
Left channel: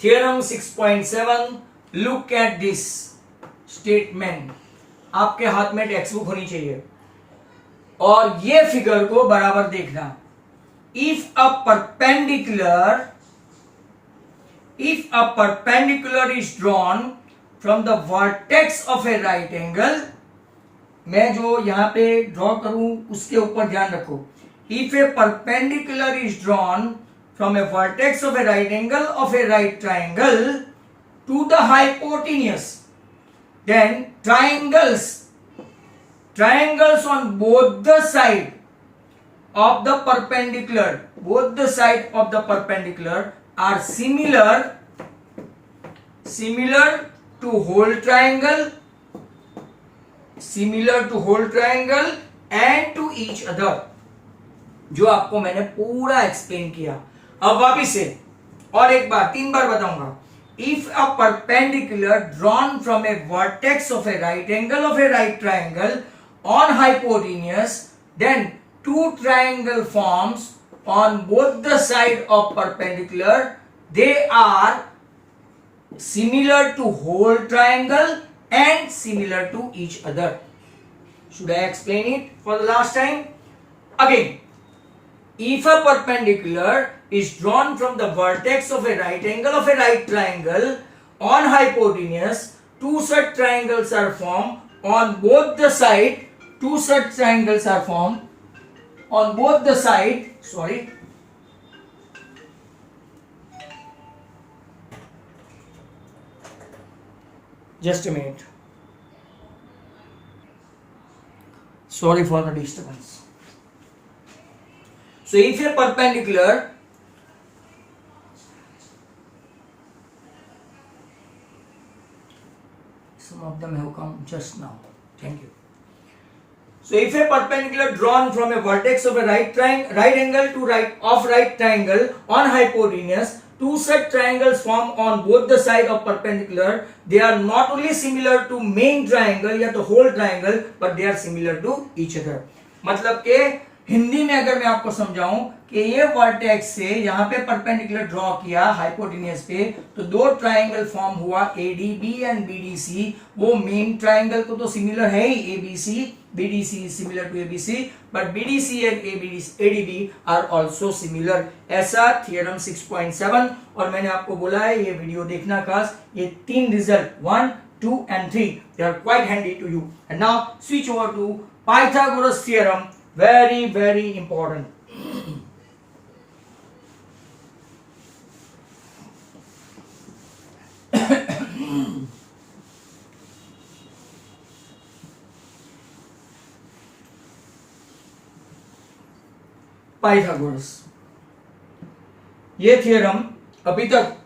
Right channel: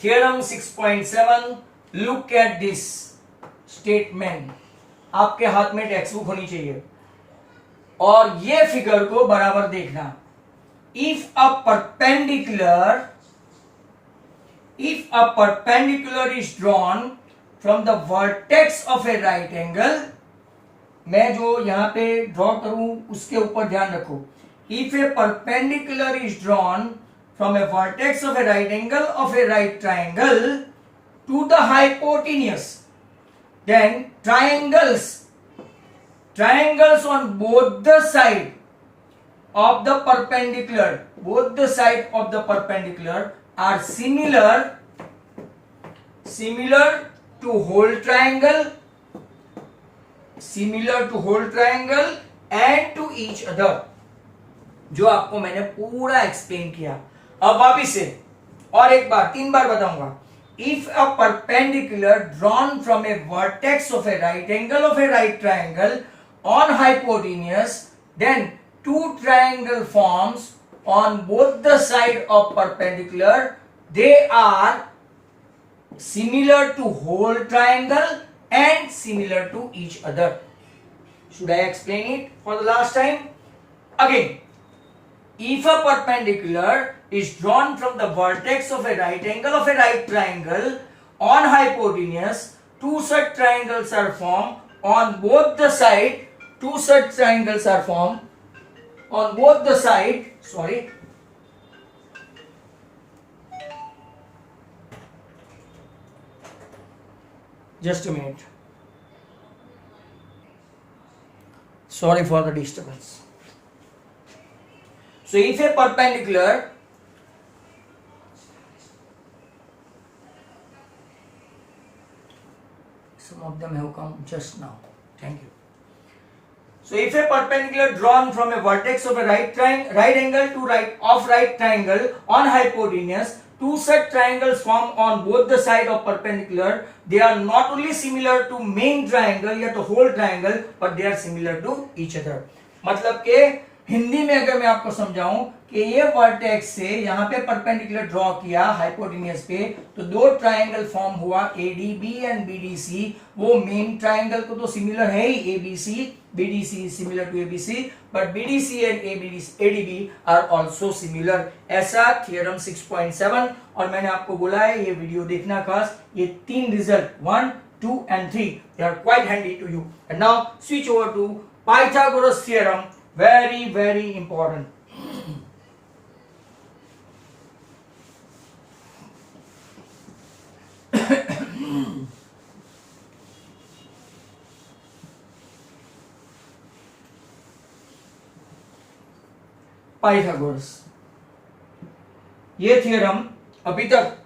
Theorem 6.7, look at this statement। आपके हाथ में text book होनी चाहिए और ये फिगर को बराबर देखना। If a perpendicular is drawn from the vertex of a right angle, मैं जो यहां पे ड्रॉ करूं उसके ऊपर ध्यान रखो। If a perpendicular is drawn from a vertex of a right angle of a right triangle to the hypotenuse, then triangles on both the side of the perpendicular are similar to whole triangle and to each other। जो आपको मैंने पूरा explain किया। अब वापिस से और एक बार 3 बार बताऊंगा। If a perpendicular drawn from a vertex of a right angle of a right triangle on hypotenuse, then 2 triangle forms on both the side of perpendicular, they are similar to whole triangle and similar to each other. Should I explain it for the last time? Again, if a perpendicular is drawn from the vertex of a right angle of a right triangle on hypotenuse, 2 such triangles are formed on both the side. 2 such triangles are formed on both the side. Sorry. Just a minute. Sorry for the disturbance. So if a perpendicular, some of them have come just now. Thank you. So if a perpendicular drawn from a vertex of a right angle to right triangle on hypotenuse, 2 such triangles form on both the side of perpendicular. They are not only similar to main triangle या तो whole triangle, but they are similar to each other. मतलब के हिंदी में अगर मैं आपको समझाऊं कि ये वर्टेक्स से यहां पे परपेंडिकुलर ड्रॉ किया हाइपोटेन्यूज पे, तो दो ट्रायंगल फॉर्म हुआ एडीबी एंड बीडीसी। वो मेन ट्रायंगल को तो सिमिलर है ही, ABC, BDC similar to ABC, but BDC and ADB are also similar. ऐसा थ्योरम 6.7। और मैंने आपको बोला है ये वीडियो देखना खास, ये 3 result 1, 2 and 3 they are quite handy to you. And now switch over to Pythagoras theorem, very important. Pythagoras, ये थ्योरम अभी तक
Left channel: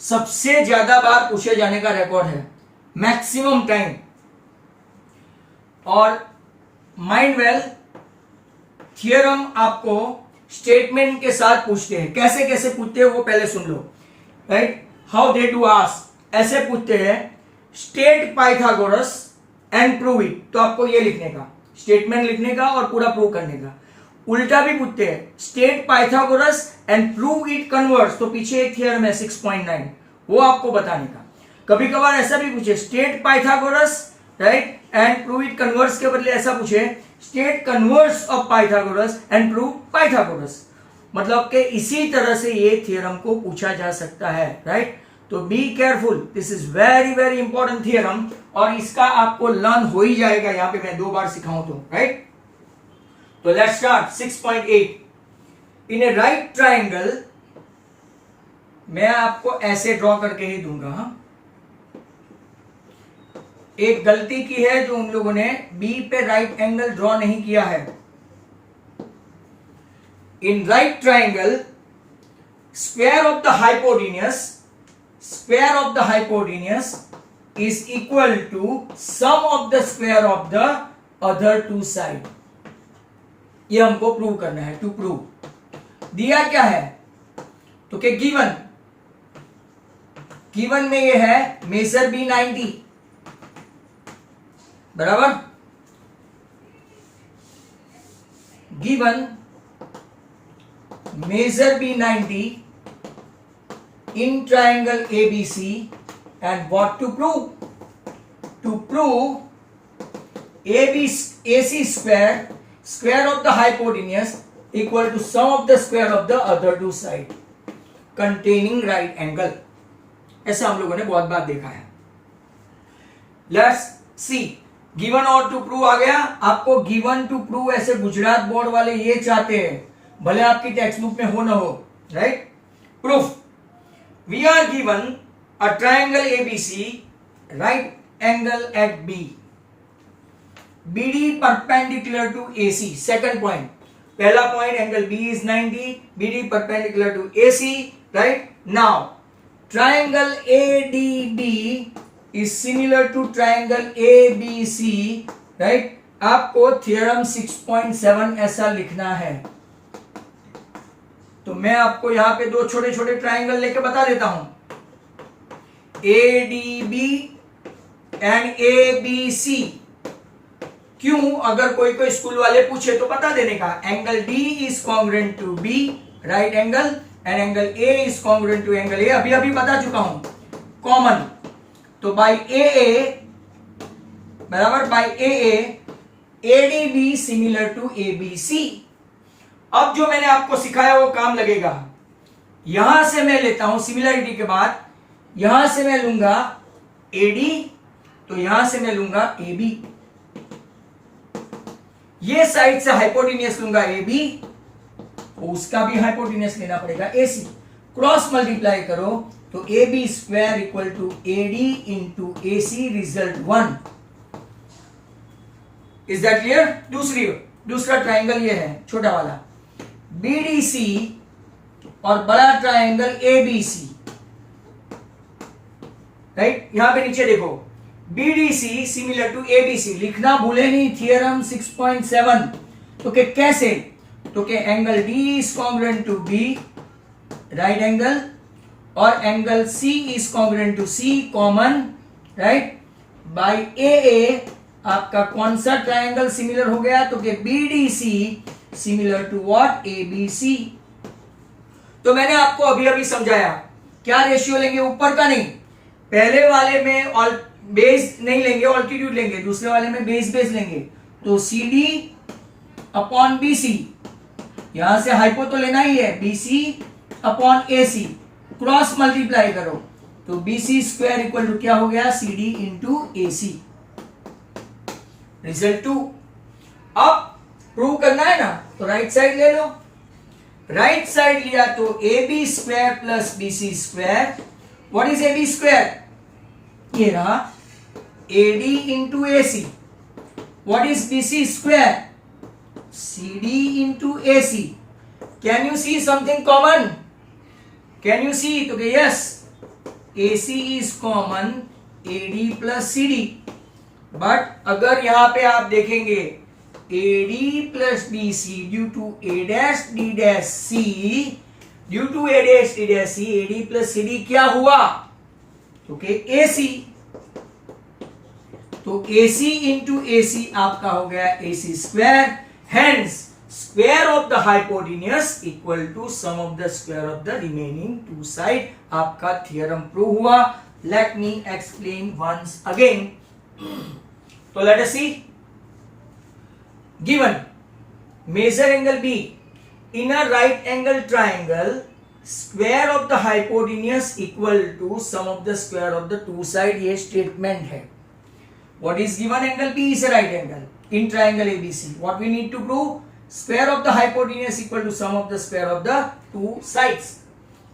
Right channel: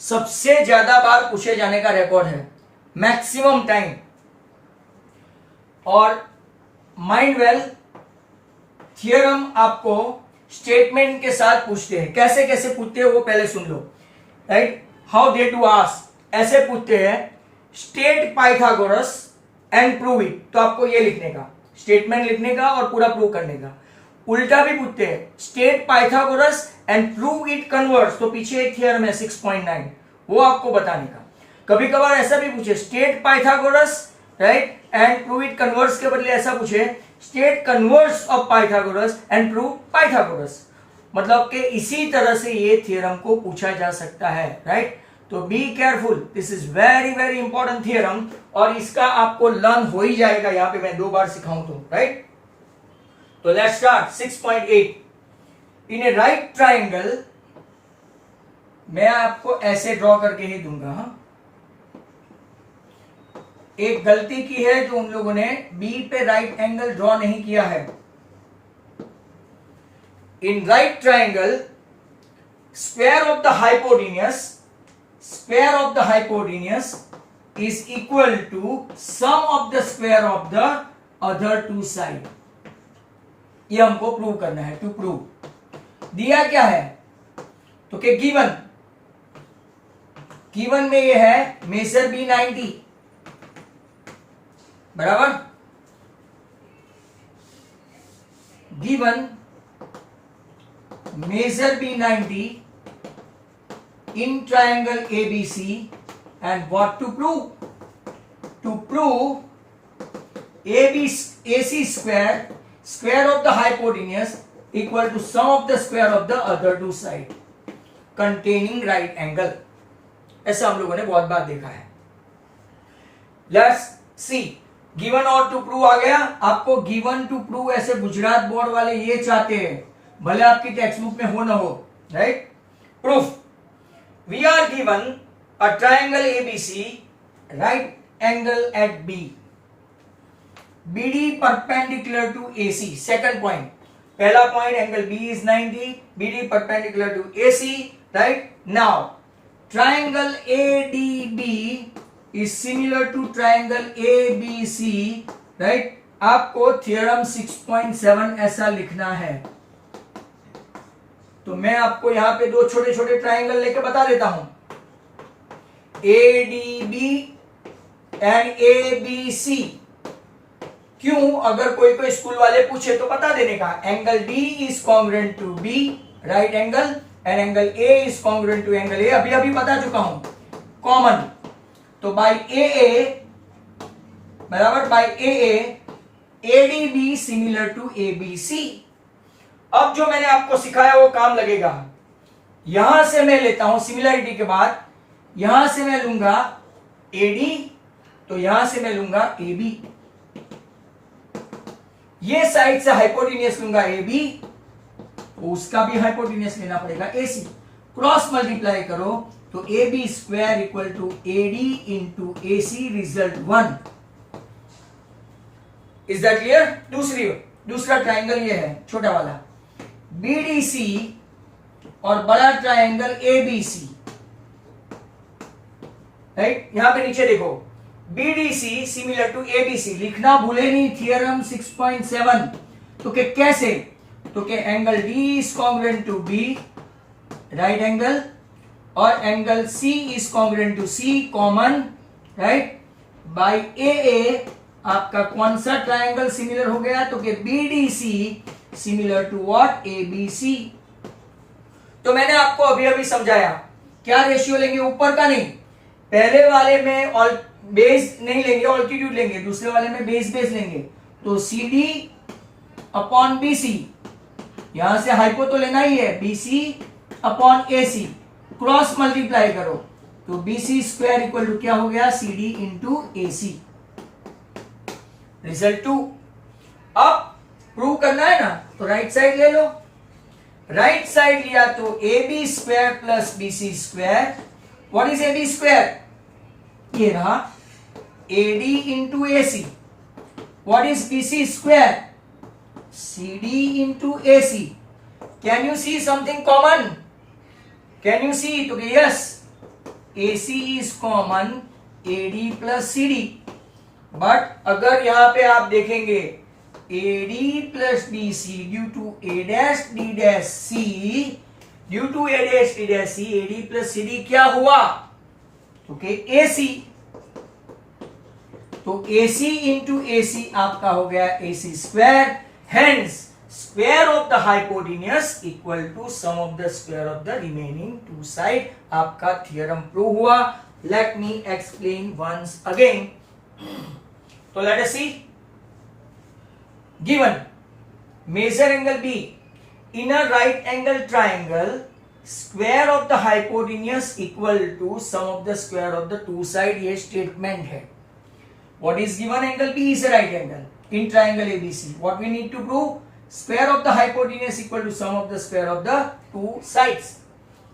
सबसे ज्यादा बार पूछे जाने का रिकॉर्ड है, मैक्सिमम टाइम। और माइंड वेल थ्योरम आपको स्टेटमेंट के साथ पूछते हैं। कैसे कैसे पूछते हैं वो पहले सुन लो, right. How they do ask, ऐसे पूछते हैं state Pythagoras and prove it, तो आपको ये लिखने का, स्टेटमेंट लिखने का और पूरा प्रूव करने का। उल्टा भी पूछते हैं state Pythagoras and prove it converse, तो पीछे एक थ्योरम है 6.9, वो आपको बताने का। कभी कभार ऐसा भी पूछे state Pythagoras, right, and prove it converse के बदले ऐसा पूछे state converse of Pythagoras and prove Pythagoras. मतलब कि इसी तरह से ये थ्योरम को पूछा जा सकता है, राइट। तो be careful, this is very important theorem, और इसका आपको लर्न हो ही जाएगा यहां पे मैं 2 बार सिखाऊं तो, राइट। तो let's start 6.8। In A right triangle, मैं आपको ऐसे ड्रॉ करके ही दूंगा। हाँ, एक गलती की है जो उन लोगों ने बी पे राइट एंगल ड्रॉ नहीं किया है। In right triangle, square of the hypotenuse is equal to sum of the square of the other 2 side. ये हमको प्रूव करना है। टू प्रूव दिया क्या है, तो क्या गिवन में ये है मेजर बी 90 बराबर, given measure B 90 in triangle ABC, and what to prove AC square of the hypotenuse equal to sum of the square of the other 2 side containing right angle। ऐसा हम लोगों ने बहुत बार देखा है। Let's see, given और to prove आ गया। आपको given to prove ऐसे गुजरात बोर्ड वाले ये चाहते हैं, भले आपकी टेक्स्ट बुक में हो ना हो, right. Proof, we are given a triangle ABC, right angle at B, BD perpendicular to AC। Second point, पहला point angle B is 90, BD perpendicular to AC, right। Now triangle ADB is similar to triangle ABC, right। आपको theorem 6.7 ऐसा लिखना है। तो मैं आपको यहां पे 2 छोटे छोटे ट्राइंगल लेके बता देता हूं, ADB एंड ABC। क्यों, अगर कोई स्कूल वाले पूछे तो बता देने का, angle D is congruent to B, right angle, and angle A is congruent to angle A। अभी बता चुका हूं, कॉमन। तो बाय AA बराबर by AA, ADB similar to ABC। अब जो मैंने आपको सिखाया वो काम लगेगा। यहां से मैं लेता हूं सिमिलरिटी के बाद, यहां से मैं लूंगा AD, तो यहां से मैं लूंगा AB। ये साइड से हाइपोटेन्यूज लूंगा AB, उसका भी हाइपोटेन्यूज लेना पड़ेगा AC। क्रॉस मल्टीप्लाई करो तो AB square equal to AD into AC, result 1। Is that clear. दूसरा ट्राइंगल ये है छोटा वाला BDC और बड़ा ट्राइंगल ABC, राइट। यहां पे नीचे देखो BDC सिमिलर टू ABC, लिखना भूले नहीं, थ्योरम 6.7। तो के कैसे, तो के angle D is congruent to B, right angle, और angle C is congruent to C, common, right, by AA आपका कौन सा ट्रायंगल सिमिलर हो गया, तो कि BDC similar to what, ABC। तो मैंने आपको अभी अभी समझाया, क्या रेशियो लेंगे, ऊपर का नहीं, पहले वाले में बेस नहीं लेंगे, ऑल्टीट्यूड लेंगे, दूसरे वाले में बेस लेंगे। तो CD अपॉन BC, यहां से हाइपो तो लेना ही है, BC upon AC, cross multiply करो तो BC स्क्वायर इक्वल टू क्या हो गया, CD इंटू AC। रिजल्ट 2। अब प्रूव करना है ना, तो राइट साइड ले लो। राइट साइड लिया तो AB square plus BC square, what is AB square, ये रहा AD into AC। What is BC square, CD into AC। Can you see something common, can you see, तो yes, AC is common AD plus CD। बट अगर यहां पे आप देखेंगे AD plus BC due to A dash D dash C, due to A dash D dash C, AD plus CD क्या हुआ, तो AC। तो AC इंटू AC आपका हो गया AC square. Hence square of the hypotenuse equal to sum of the square of the remaining two side. आपका theorem prove हुआ। Let me explain once again. तो let us see, given measure angle B in a right angle triangle, square of the hypotenuse equal to sum of the square of the two side, ये statement है। What is given, angle B is a right angle in triangle ABC. What we need to prove, square of the hypotenuse equal to sum of the square of the two sides.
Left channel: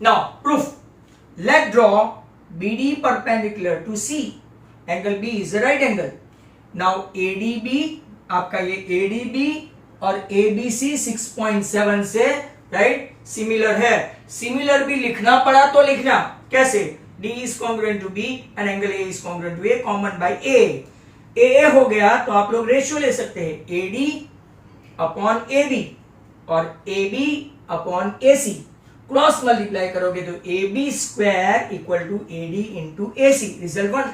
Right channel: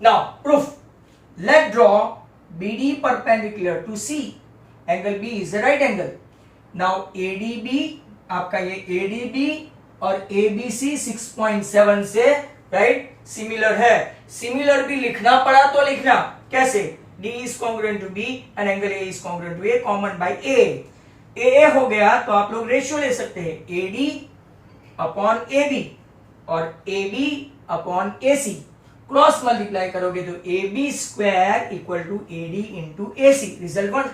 Now proof, let draw BD perpendicular to C. Angle B is a right angle. Now ADB, आपका ये ADB और ABC 6.7 से right similar है। Similar भी लिखना पड़ा तो लिखना कैसे, D is congruent to B and angle A is congruent to A, common by A हो गया तो आप लोग रेशियो ले सकते हैं, AD अपॉन AB और AB upon AC, cross multiply करोगे तो AB square equal to AD into AC, result 1।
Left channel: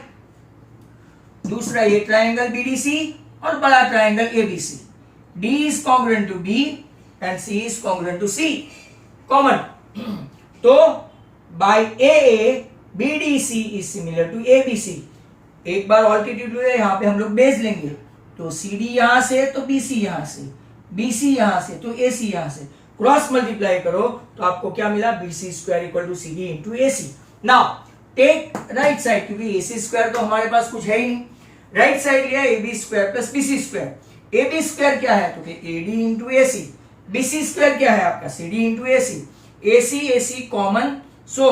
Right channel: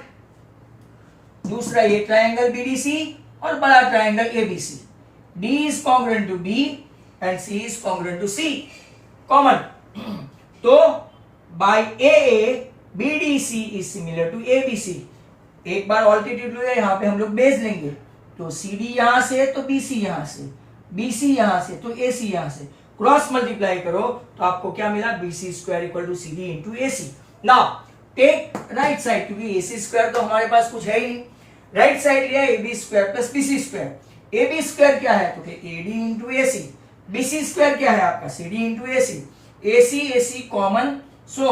दूसरा ये ट्राइंगल BDC और बड़ा triangle ABC, D is congruent to B and C is congruent to C, common. तो by AA BDC is similar to ABC। एक बार altitude हुए, यहां पे हम लोग बेस लेंगे, तो CD यहां से तो BC यहां से, BC यहां से तो AC यहां से, क्रॉस मल्टीप्लाई करो तो आपको क्या मिला, BC square equal to CD into AC। Now take right side, क्योंकि AC स्क्वायर तो हमारे पास कुछ है ही नहीं। राइट साइड लिया AB square plus BC square. AB square क्या है, तो AD into AC। BC square क्या है आपका, CD into AC। AC common, so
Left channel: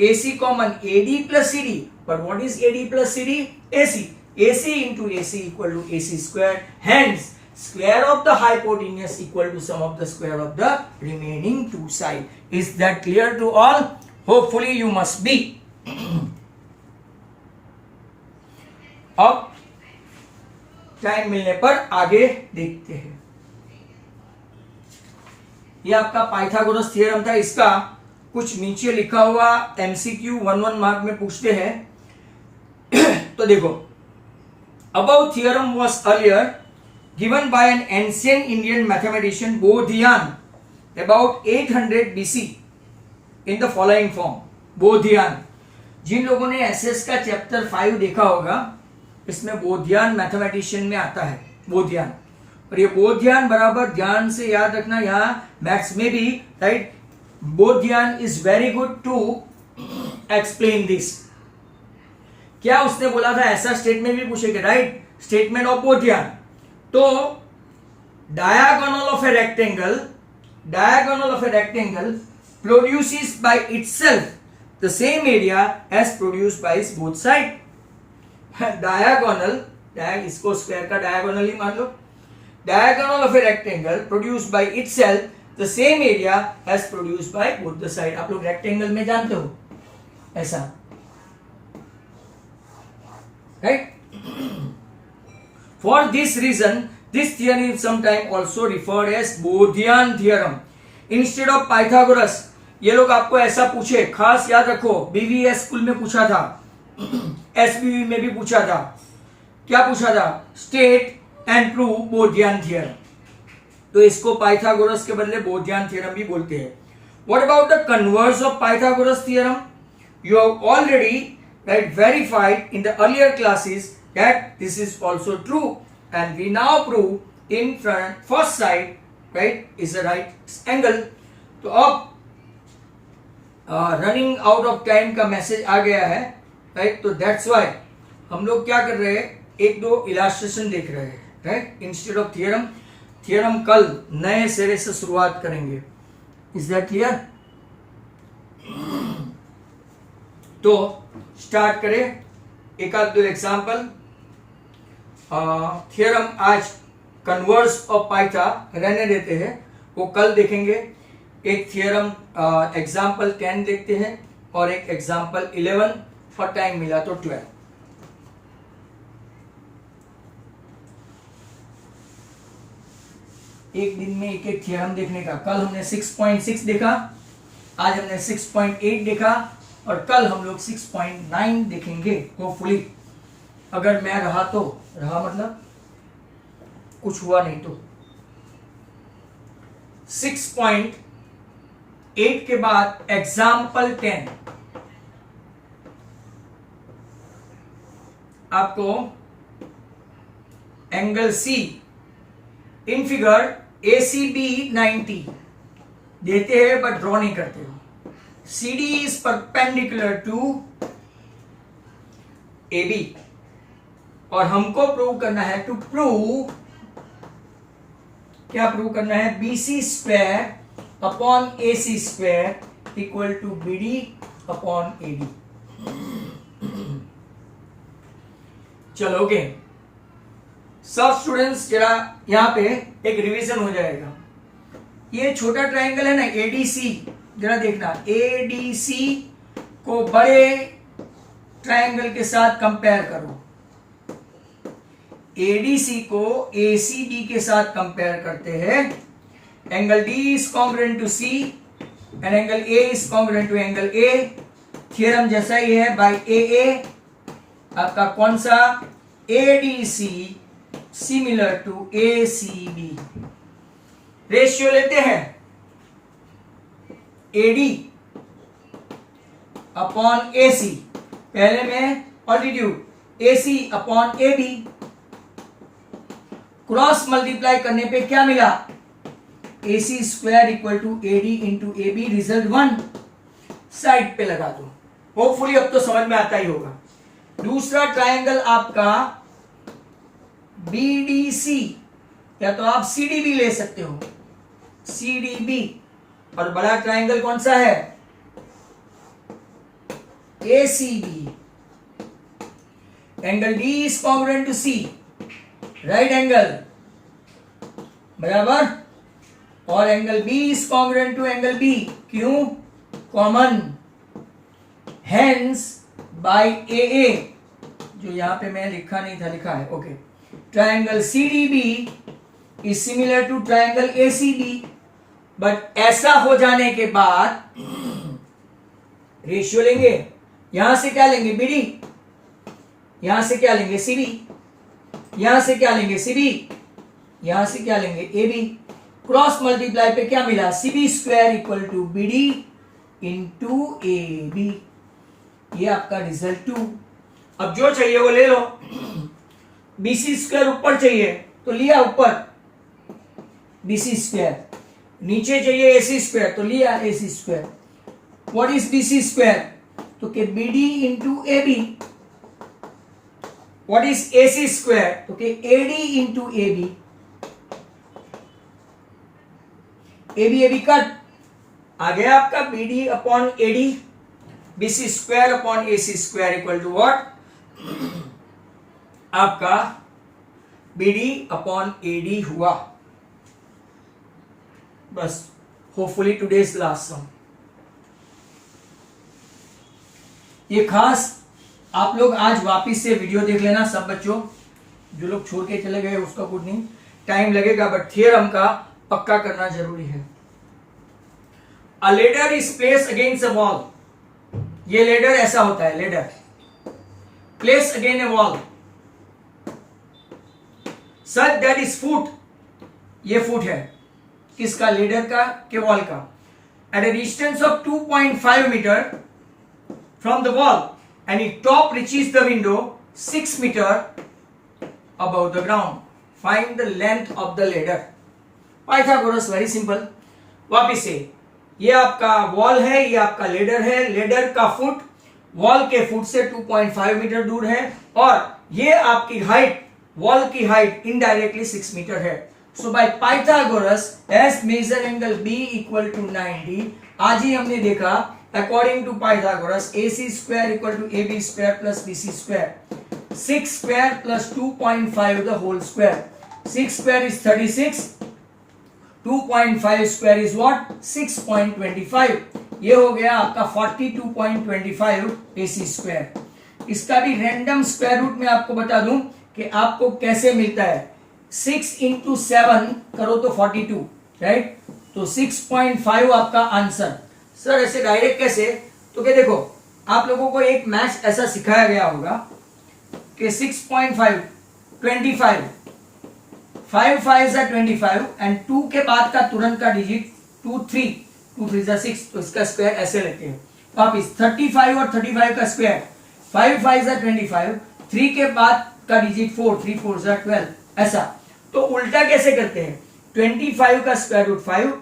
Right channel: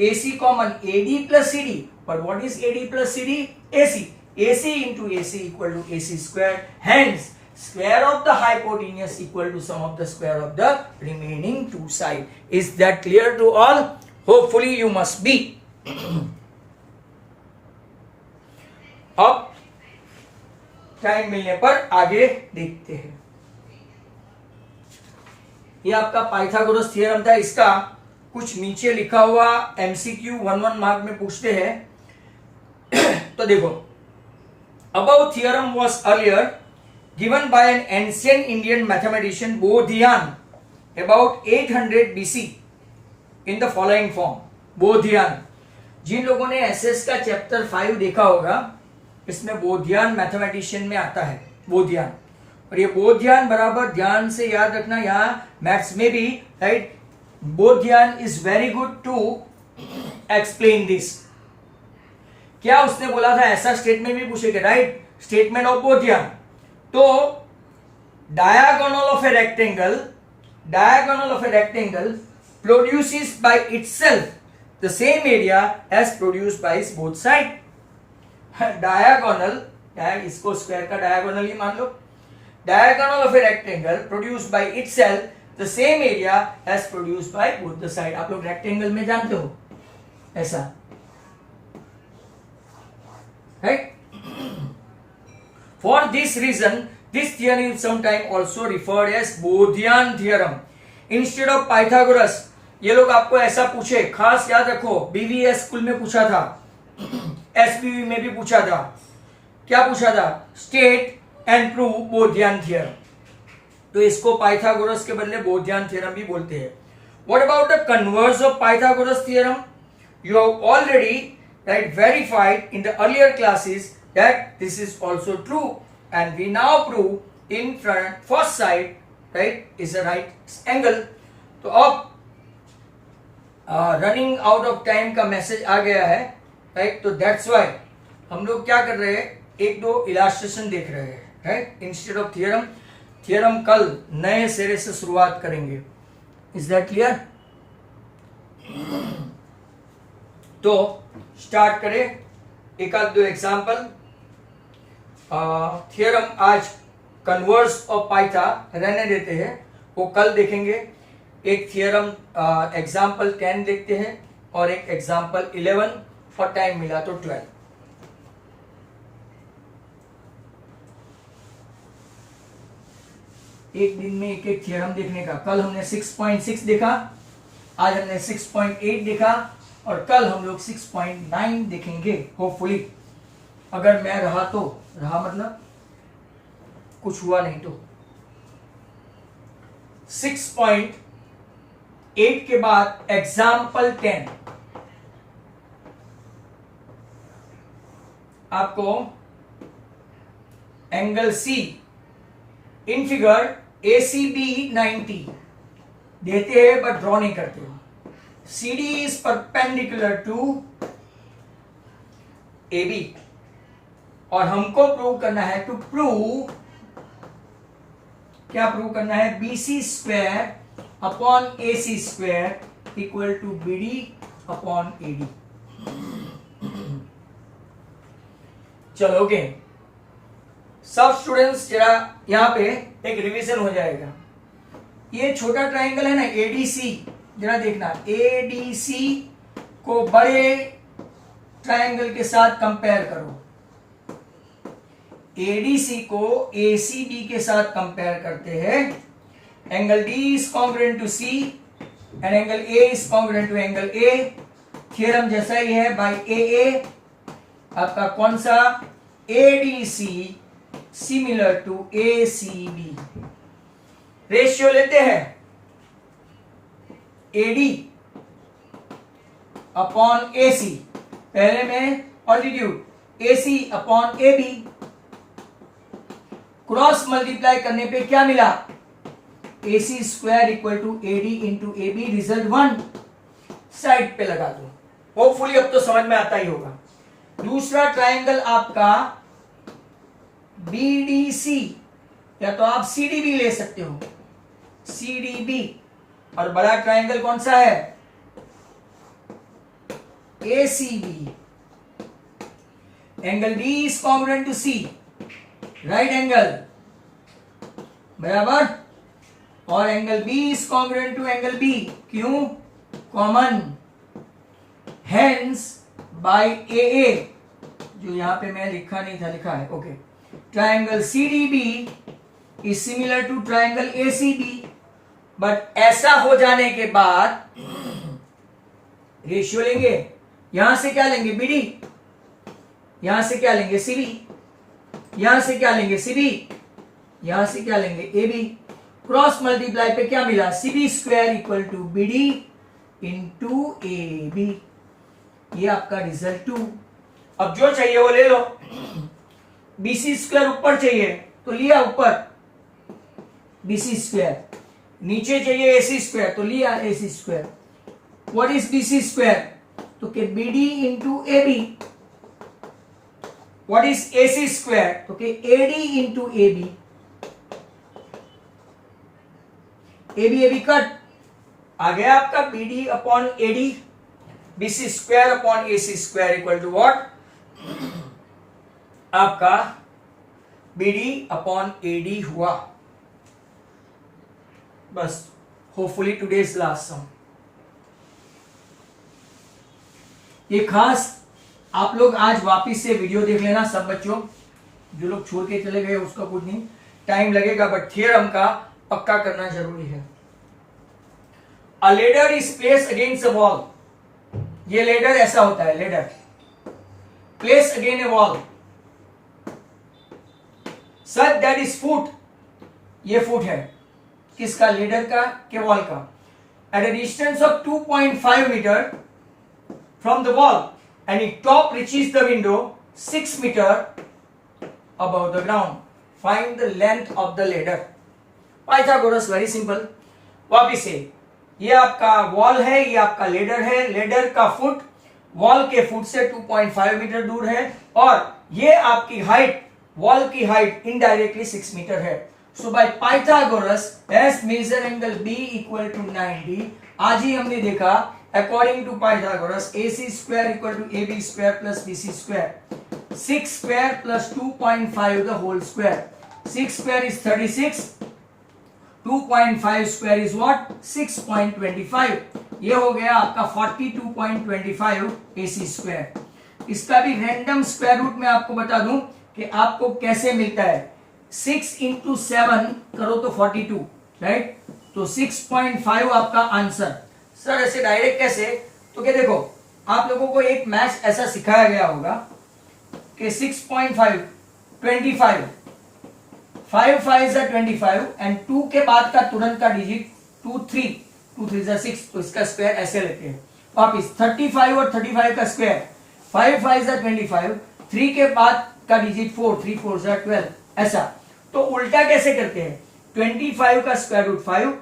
AC common AD plus CD, but what is AD plus CD? AC into AC equal to AC square. Hence square of the hypotenuse equal to sum of the square of the remaining two side. Is that clear to all? Hopefully you must be. अब time मिलने पर आगे देखते हैं। ये आपका Pythagoras theorem था, इसका कुछ नीचे लिखा हुआ MCQ 1 मार्क में पूछते हैं। तो देखो, above theorem was earlier given by an ancient Indian mathematician Bodhian about 800 BC in the following form. बोधियान, जिन लोगों ने एसएस का चैप्टर 5 देखा होगा, इसमें बोधियान मैथमेटिशियन में आता है, बोधियान। और ये बोधियान बराबर ध्यान से याद रखना, यहां मैथ्स में भी right, Baudhayan is very good to explain this. क्या उसने बोला था, ऐसा स्टेटमेंट भी पूछेगा राइट, स्टेटमेंट ऑफ बोधियान। तो diagonal of a rectangle produces by itself the same area as produced by both side. Diagonal, इसको स्क्वायर का डायगोनल ही मान लो। Diagonal of a rectangle produced by itself the same area as produced by both the side. आप लोग rectangle में जानते हो ऐसा, right? For this reason, this theorem is sometimes also referred as Bodhian theorem instead of Pythagoras। ये लोग आपको ऐसा पूछे, खास याद रखो, BVS स्कूल में पूछा था, SPV में भी पूछा था, क्या पूछा था, स्टेट एंड प्रूव बोधियन थ्योरम, तो इसको पाइथागोरस के बदले बोधियन थ्योरम भी बोलते हैं. What about the converse of Pythagoras theorem? You have already verified in the earlier classes that this is also true, and we now prove in front first side, right, is a right angle. तो अब running out of time का message आ गया है, right, तो that's why हम लोग क्या कर रहे हैं, एक दो इलास्ट्रेशन देख रहे हैं, right, instead of theorem. Theorem कल नए सिरे से शुरुआत करेंगे. Is that clear? तो स्टार्ट करें, एक आध दो एग्जाम्पल. थियरम आज कन्वर्स ऑफ पाइथा रहने देते हैं, वो कल देखेंगे. एक थियरम एग्जाम्पल 10 देखते हैं और एक एग्जाम्पल 11, और टाइम मिला तो 12. एक दिन में एक एक थियरम देखने का. कल हमने 6.6 देखा, आज हमने 6.8 देखा, और कल हम लोग 6.9 देखेंगे होपफुली. अगर मैं रहा तो रहा, मतलब कुछ हुआ नहीं तो. 6.8 के बाद एग्जाम्पल 10 आपको angle C in figure ACB 90 देते हैं बट ड्रॉ नहीं करते हो. CD is perpendicular to AB, और हमको प्रूव करना है, टू प्रूव, क्या प्रूव करना है, BC square upon AC square equal to BD upon AD. चलोगे सब स्टूडेंट्स, जरा यहां पे एक रिवीजन हो जाएगा. ये छोटा ट्राइंगल है ना ADC, जरा देखना, ADC को बड़े ट्रायंगल के साथ कंपेयर करो. ADC को ACD के साथ कंपेयर करते हैं. Angle D is congruent to C and angle A is congruent to angle A. Theorem जैसा ही है, बाय AA आपका कौन सा, ADC similar to ACD. Ratio लेते हैं AD अपॉन AC, पहले में altitude AC upon AB. Cross multiply करने पे क्या मिला, AC square equal to AD into AB. Result 1 side पे लगा दो. होपफुली अब तो समझ में आता ही होगा. दूसरा ट्रायंगल आपका BDC, या तो आप CDB ले सकते हो, CDB. और बड़ा ट्रायंगल कौन सा है, ACB. Angle D is congruent to C, right angle, बराबर, और angle B is congruent to angle B. क्यों, कॉमन. हेंस बाय AA, जो यहां पे मैं लिखा नहीं था, लिखा है, okay. Triangle CDB is similar to triangle ACB. But ऐसा हो जाने के बाद रेशियो लेंगे, यहां से क्या लेंगे, BD, यहां से क्या लेंगे, CB, यहां से क्या लेंगे, CB, यहां से क्या लेंगे, AB. क्रॉस मल्टीप्लाई पे क्या मिला, CB square equal to BD into AB. ये आपका रिजल्ट 2. अब जो चाहिए वो ले लो. BC स्क्वायर ऊपर चाहिए तो लिया ऊपर BC स्क्वायर, नीचे चाहिए AC स्क्वायर तो लिया AC square. What is BC square, तो के BD into AB. What is AC square, तो के AD into AB. AB cut, आ गया आपका BD upon AD. BC square upon AC square equal to what, आपका BD अपॉन AD हुआ. बस, होपफुली टुडेज लास्ट सम. ये खास आप लोग आज वापिस से वीडियो देख लेना सब बच्चों. जो लोग छोड़ के चले गए उसका कुछ नहीं, टाइम लगेगा, बट थियरम का पक्का करना जरूरी है. A ladder is place against a wall. ये लेडर ऐसा होता है, ladder place again a wall. Such that is foot, ये फुट है किसका, लेडर का के वॉल का, at a distance of 2.5 metre from the wall and it top reaches the window 6 metre above the ground, find the length of the ladder. Pythagoras very simple. वापिस से, ये आपका वॉल है, ये आपका लेडर है, लेडर का फुट वॉल के फुट से 2.5 मीटर दूर है, और ये आपकी हाइट, वॉल की हाइट इनडायरेक्टली 6 मीटर है। So by Pythagoras as measure angle B equal to 90, आज ही हमने देखा according to Pythagoras AC square equal to AB square plus BC square, 6 square plus 2.5 the whole square, 6 square is 36, 2.5 square is what 6.25, ये हो गया आपका 42.25 AC square. इसका भी रैंडम स्क्वायर रूट में आपको बता दूं कि आपको कैसे मिलता है, 6 इंटू 7 करो तो 42, राइट, तो 6.5 आपका आंसर। सर ऐसे डायरेक्ट कैसे, तो क्या देखो आप लोगों को एक मैथ्स ऐसा सिखाया गया होगा कि 6.5 25, 5 5 25 एंड 2 के बाद का तुरंत का डिजिट 2 3, 2 3 6, तो इसका स्क्वायर ऐसे लेते हैं वापिस 35 और 35 का स्क्वायर, 5 5 25, 3 के बाद का डिजिट 4, 3 4 12, ऐसा। तो उल्टा कैसे करते हैं, 25 का स्क्वायर रूट 5,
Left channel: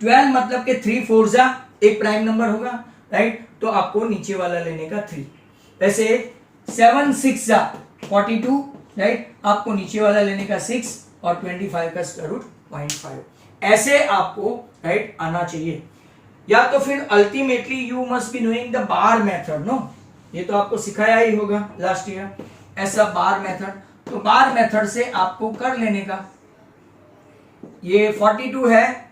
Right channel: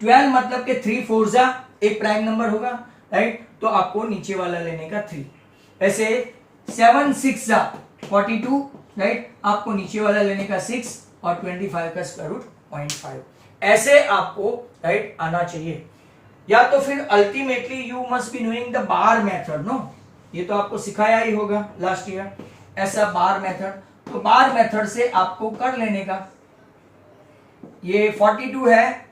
12 मतलब के 3 4 एक प्राइम नंबर होगा, राइट, तो आपको नीचे वाला लेने का 3, वैसे 7 6 42, राइट, आपको नीचे वाला लेने का 6 और 25 का स्क्वायर रूट 0.5, ऐसे आपको राइट आना चाहिए। या तो फिर ultimately you must be knowing the bar method, no, ये तो आपको सिखाया ही होगा लास्ट ईयर, ऐसा बार मेथड, तो बार मेथड से आपको कर लेने का। ये 42 है,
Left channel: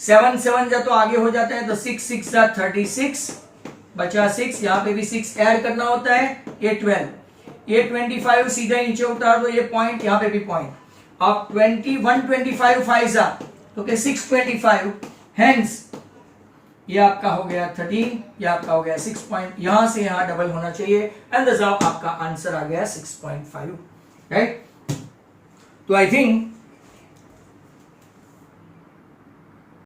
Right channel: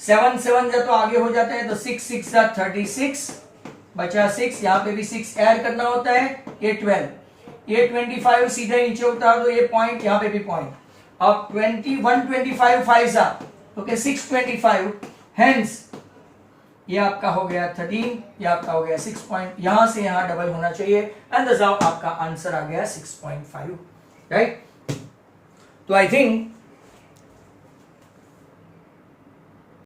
7 7 तो आगे हो जाता है, तो 6 6 36 बचा 6, यहाँ पे भी 6 ऐड करना होता है, ये 12, ये 25 सीधे नीचे उतार दो, ये पॉइंट, यहाँ पे भी पॉइंट, अब 125 5 तो के 625, हेंस ये आपका हो गया 13, ये आपका हो गया 6 पॉइंट, यहां से यहां डबल होना चाहिए, एंड द आपका आंसर आ गया 6.5, राइट। तो आई थिंक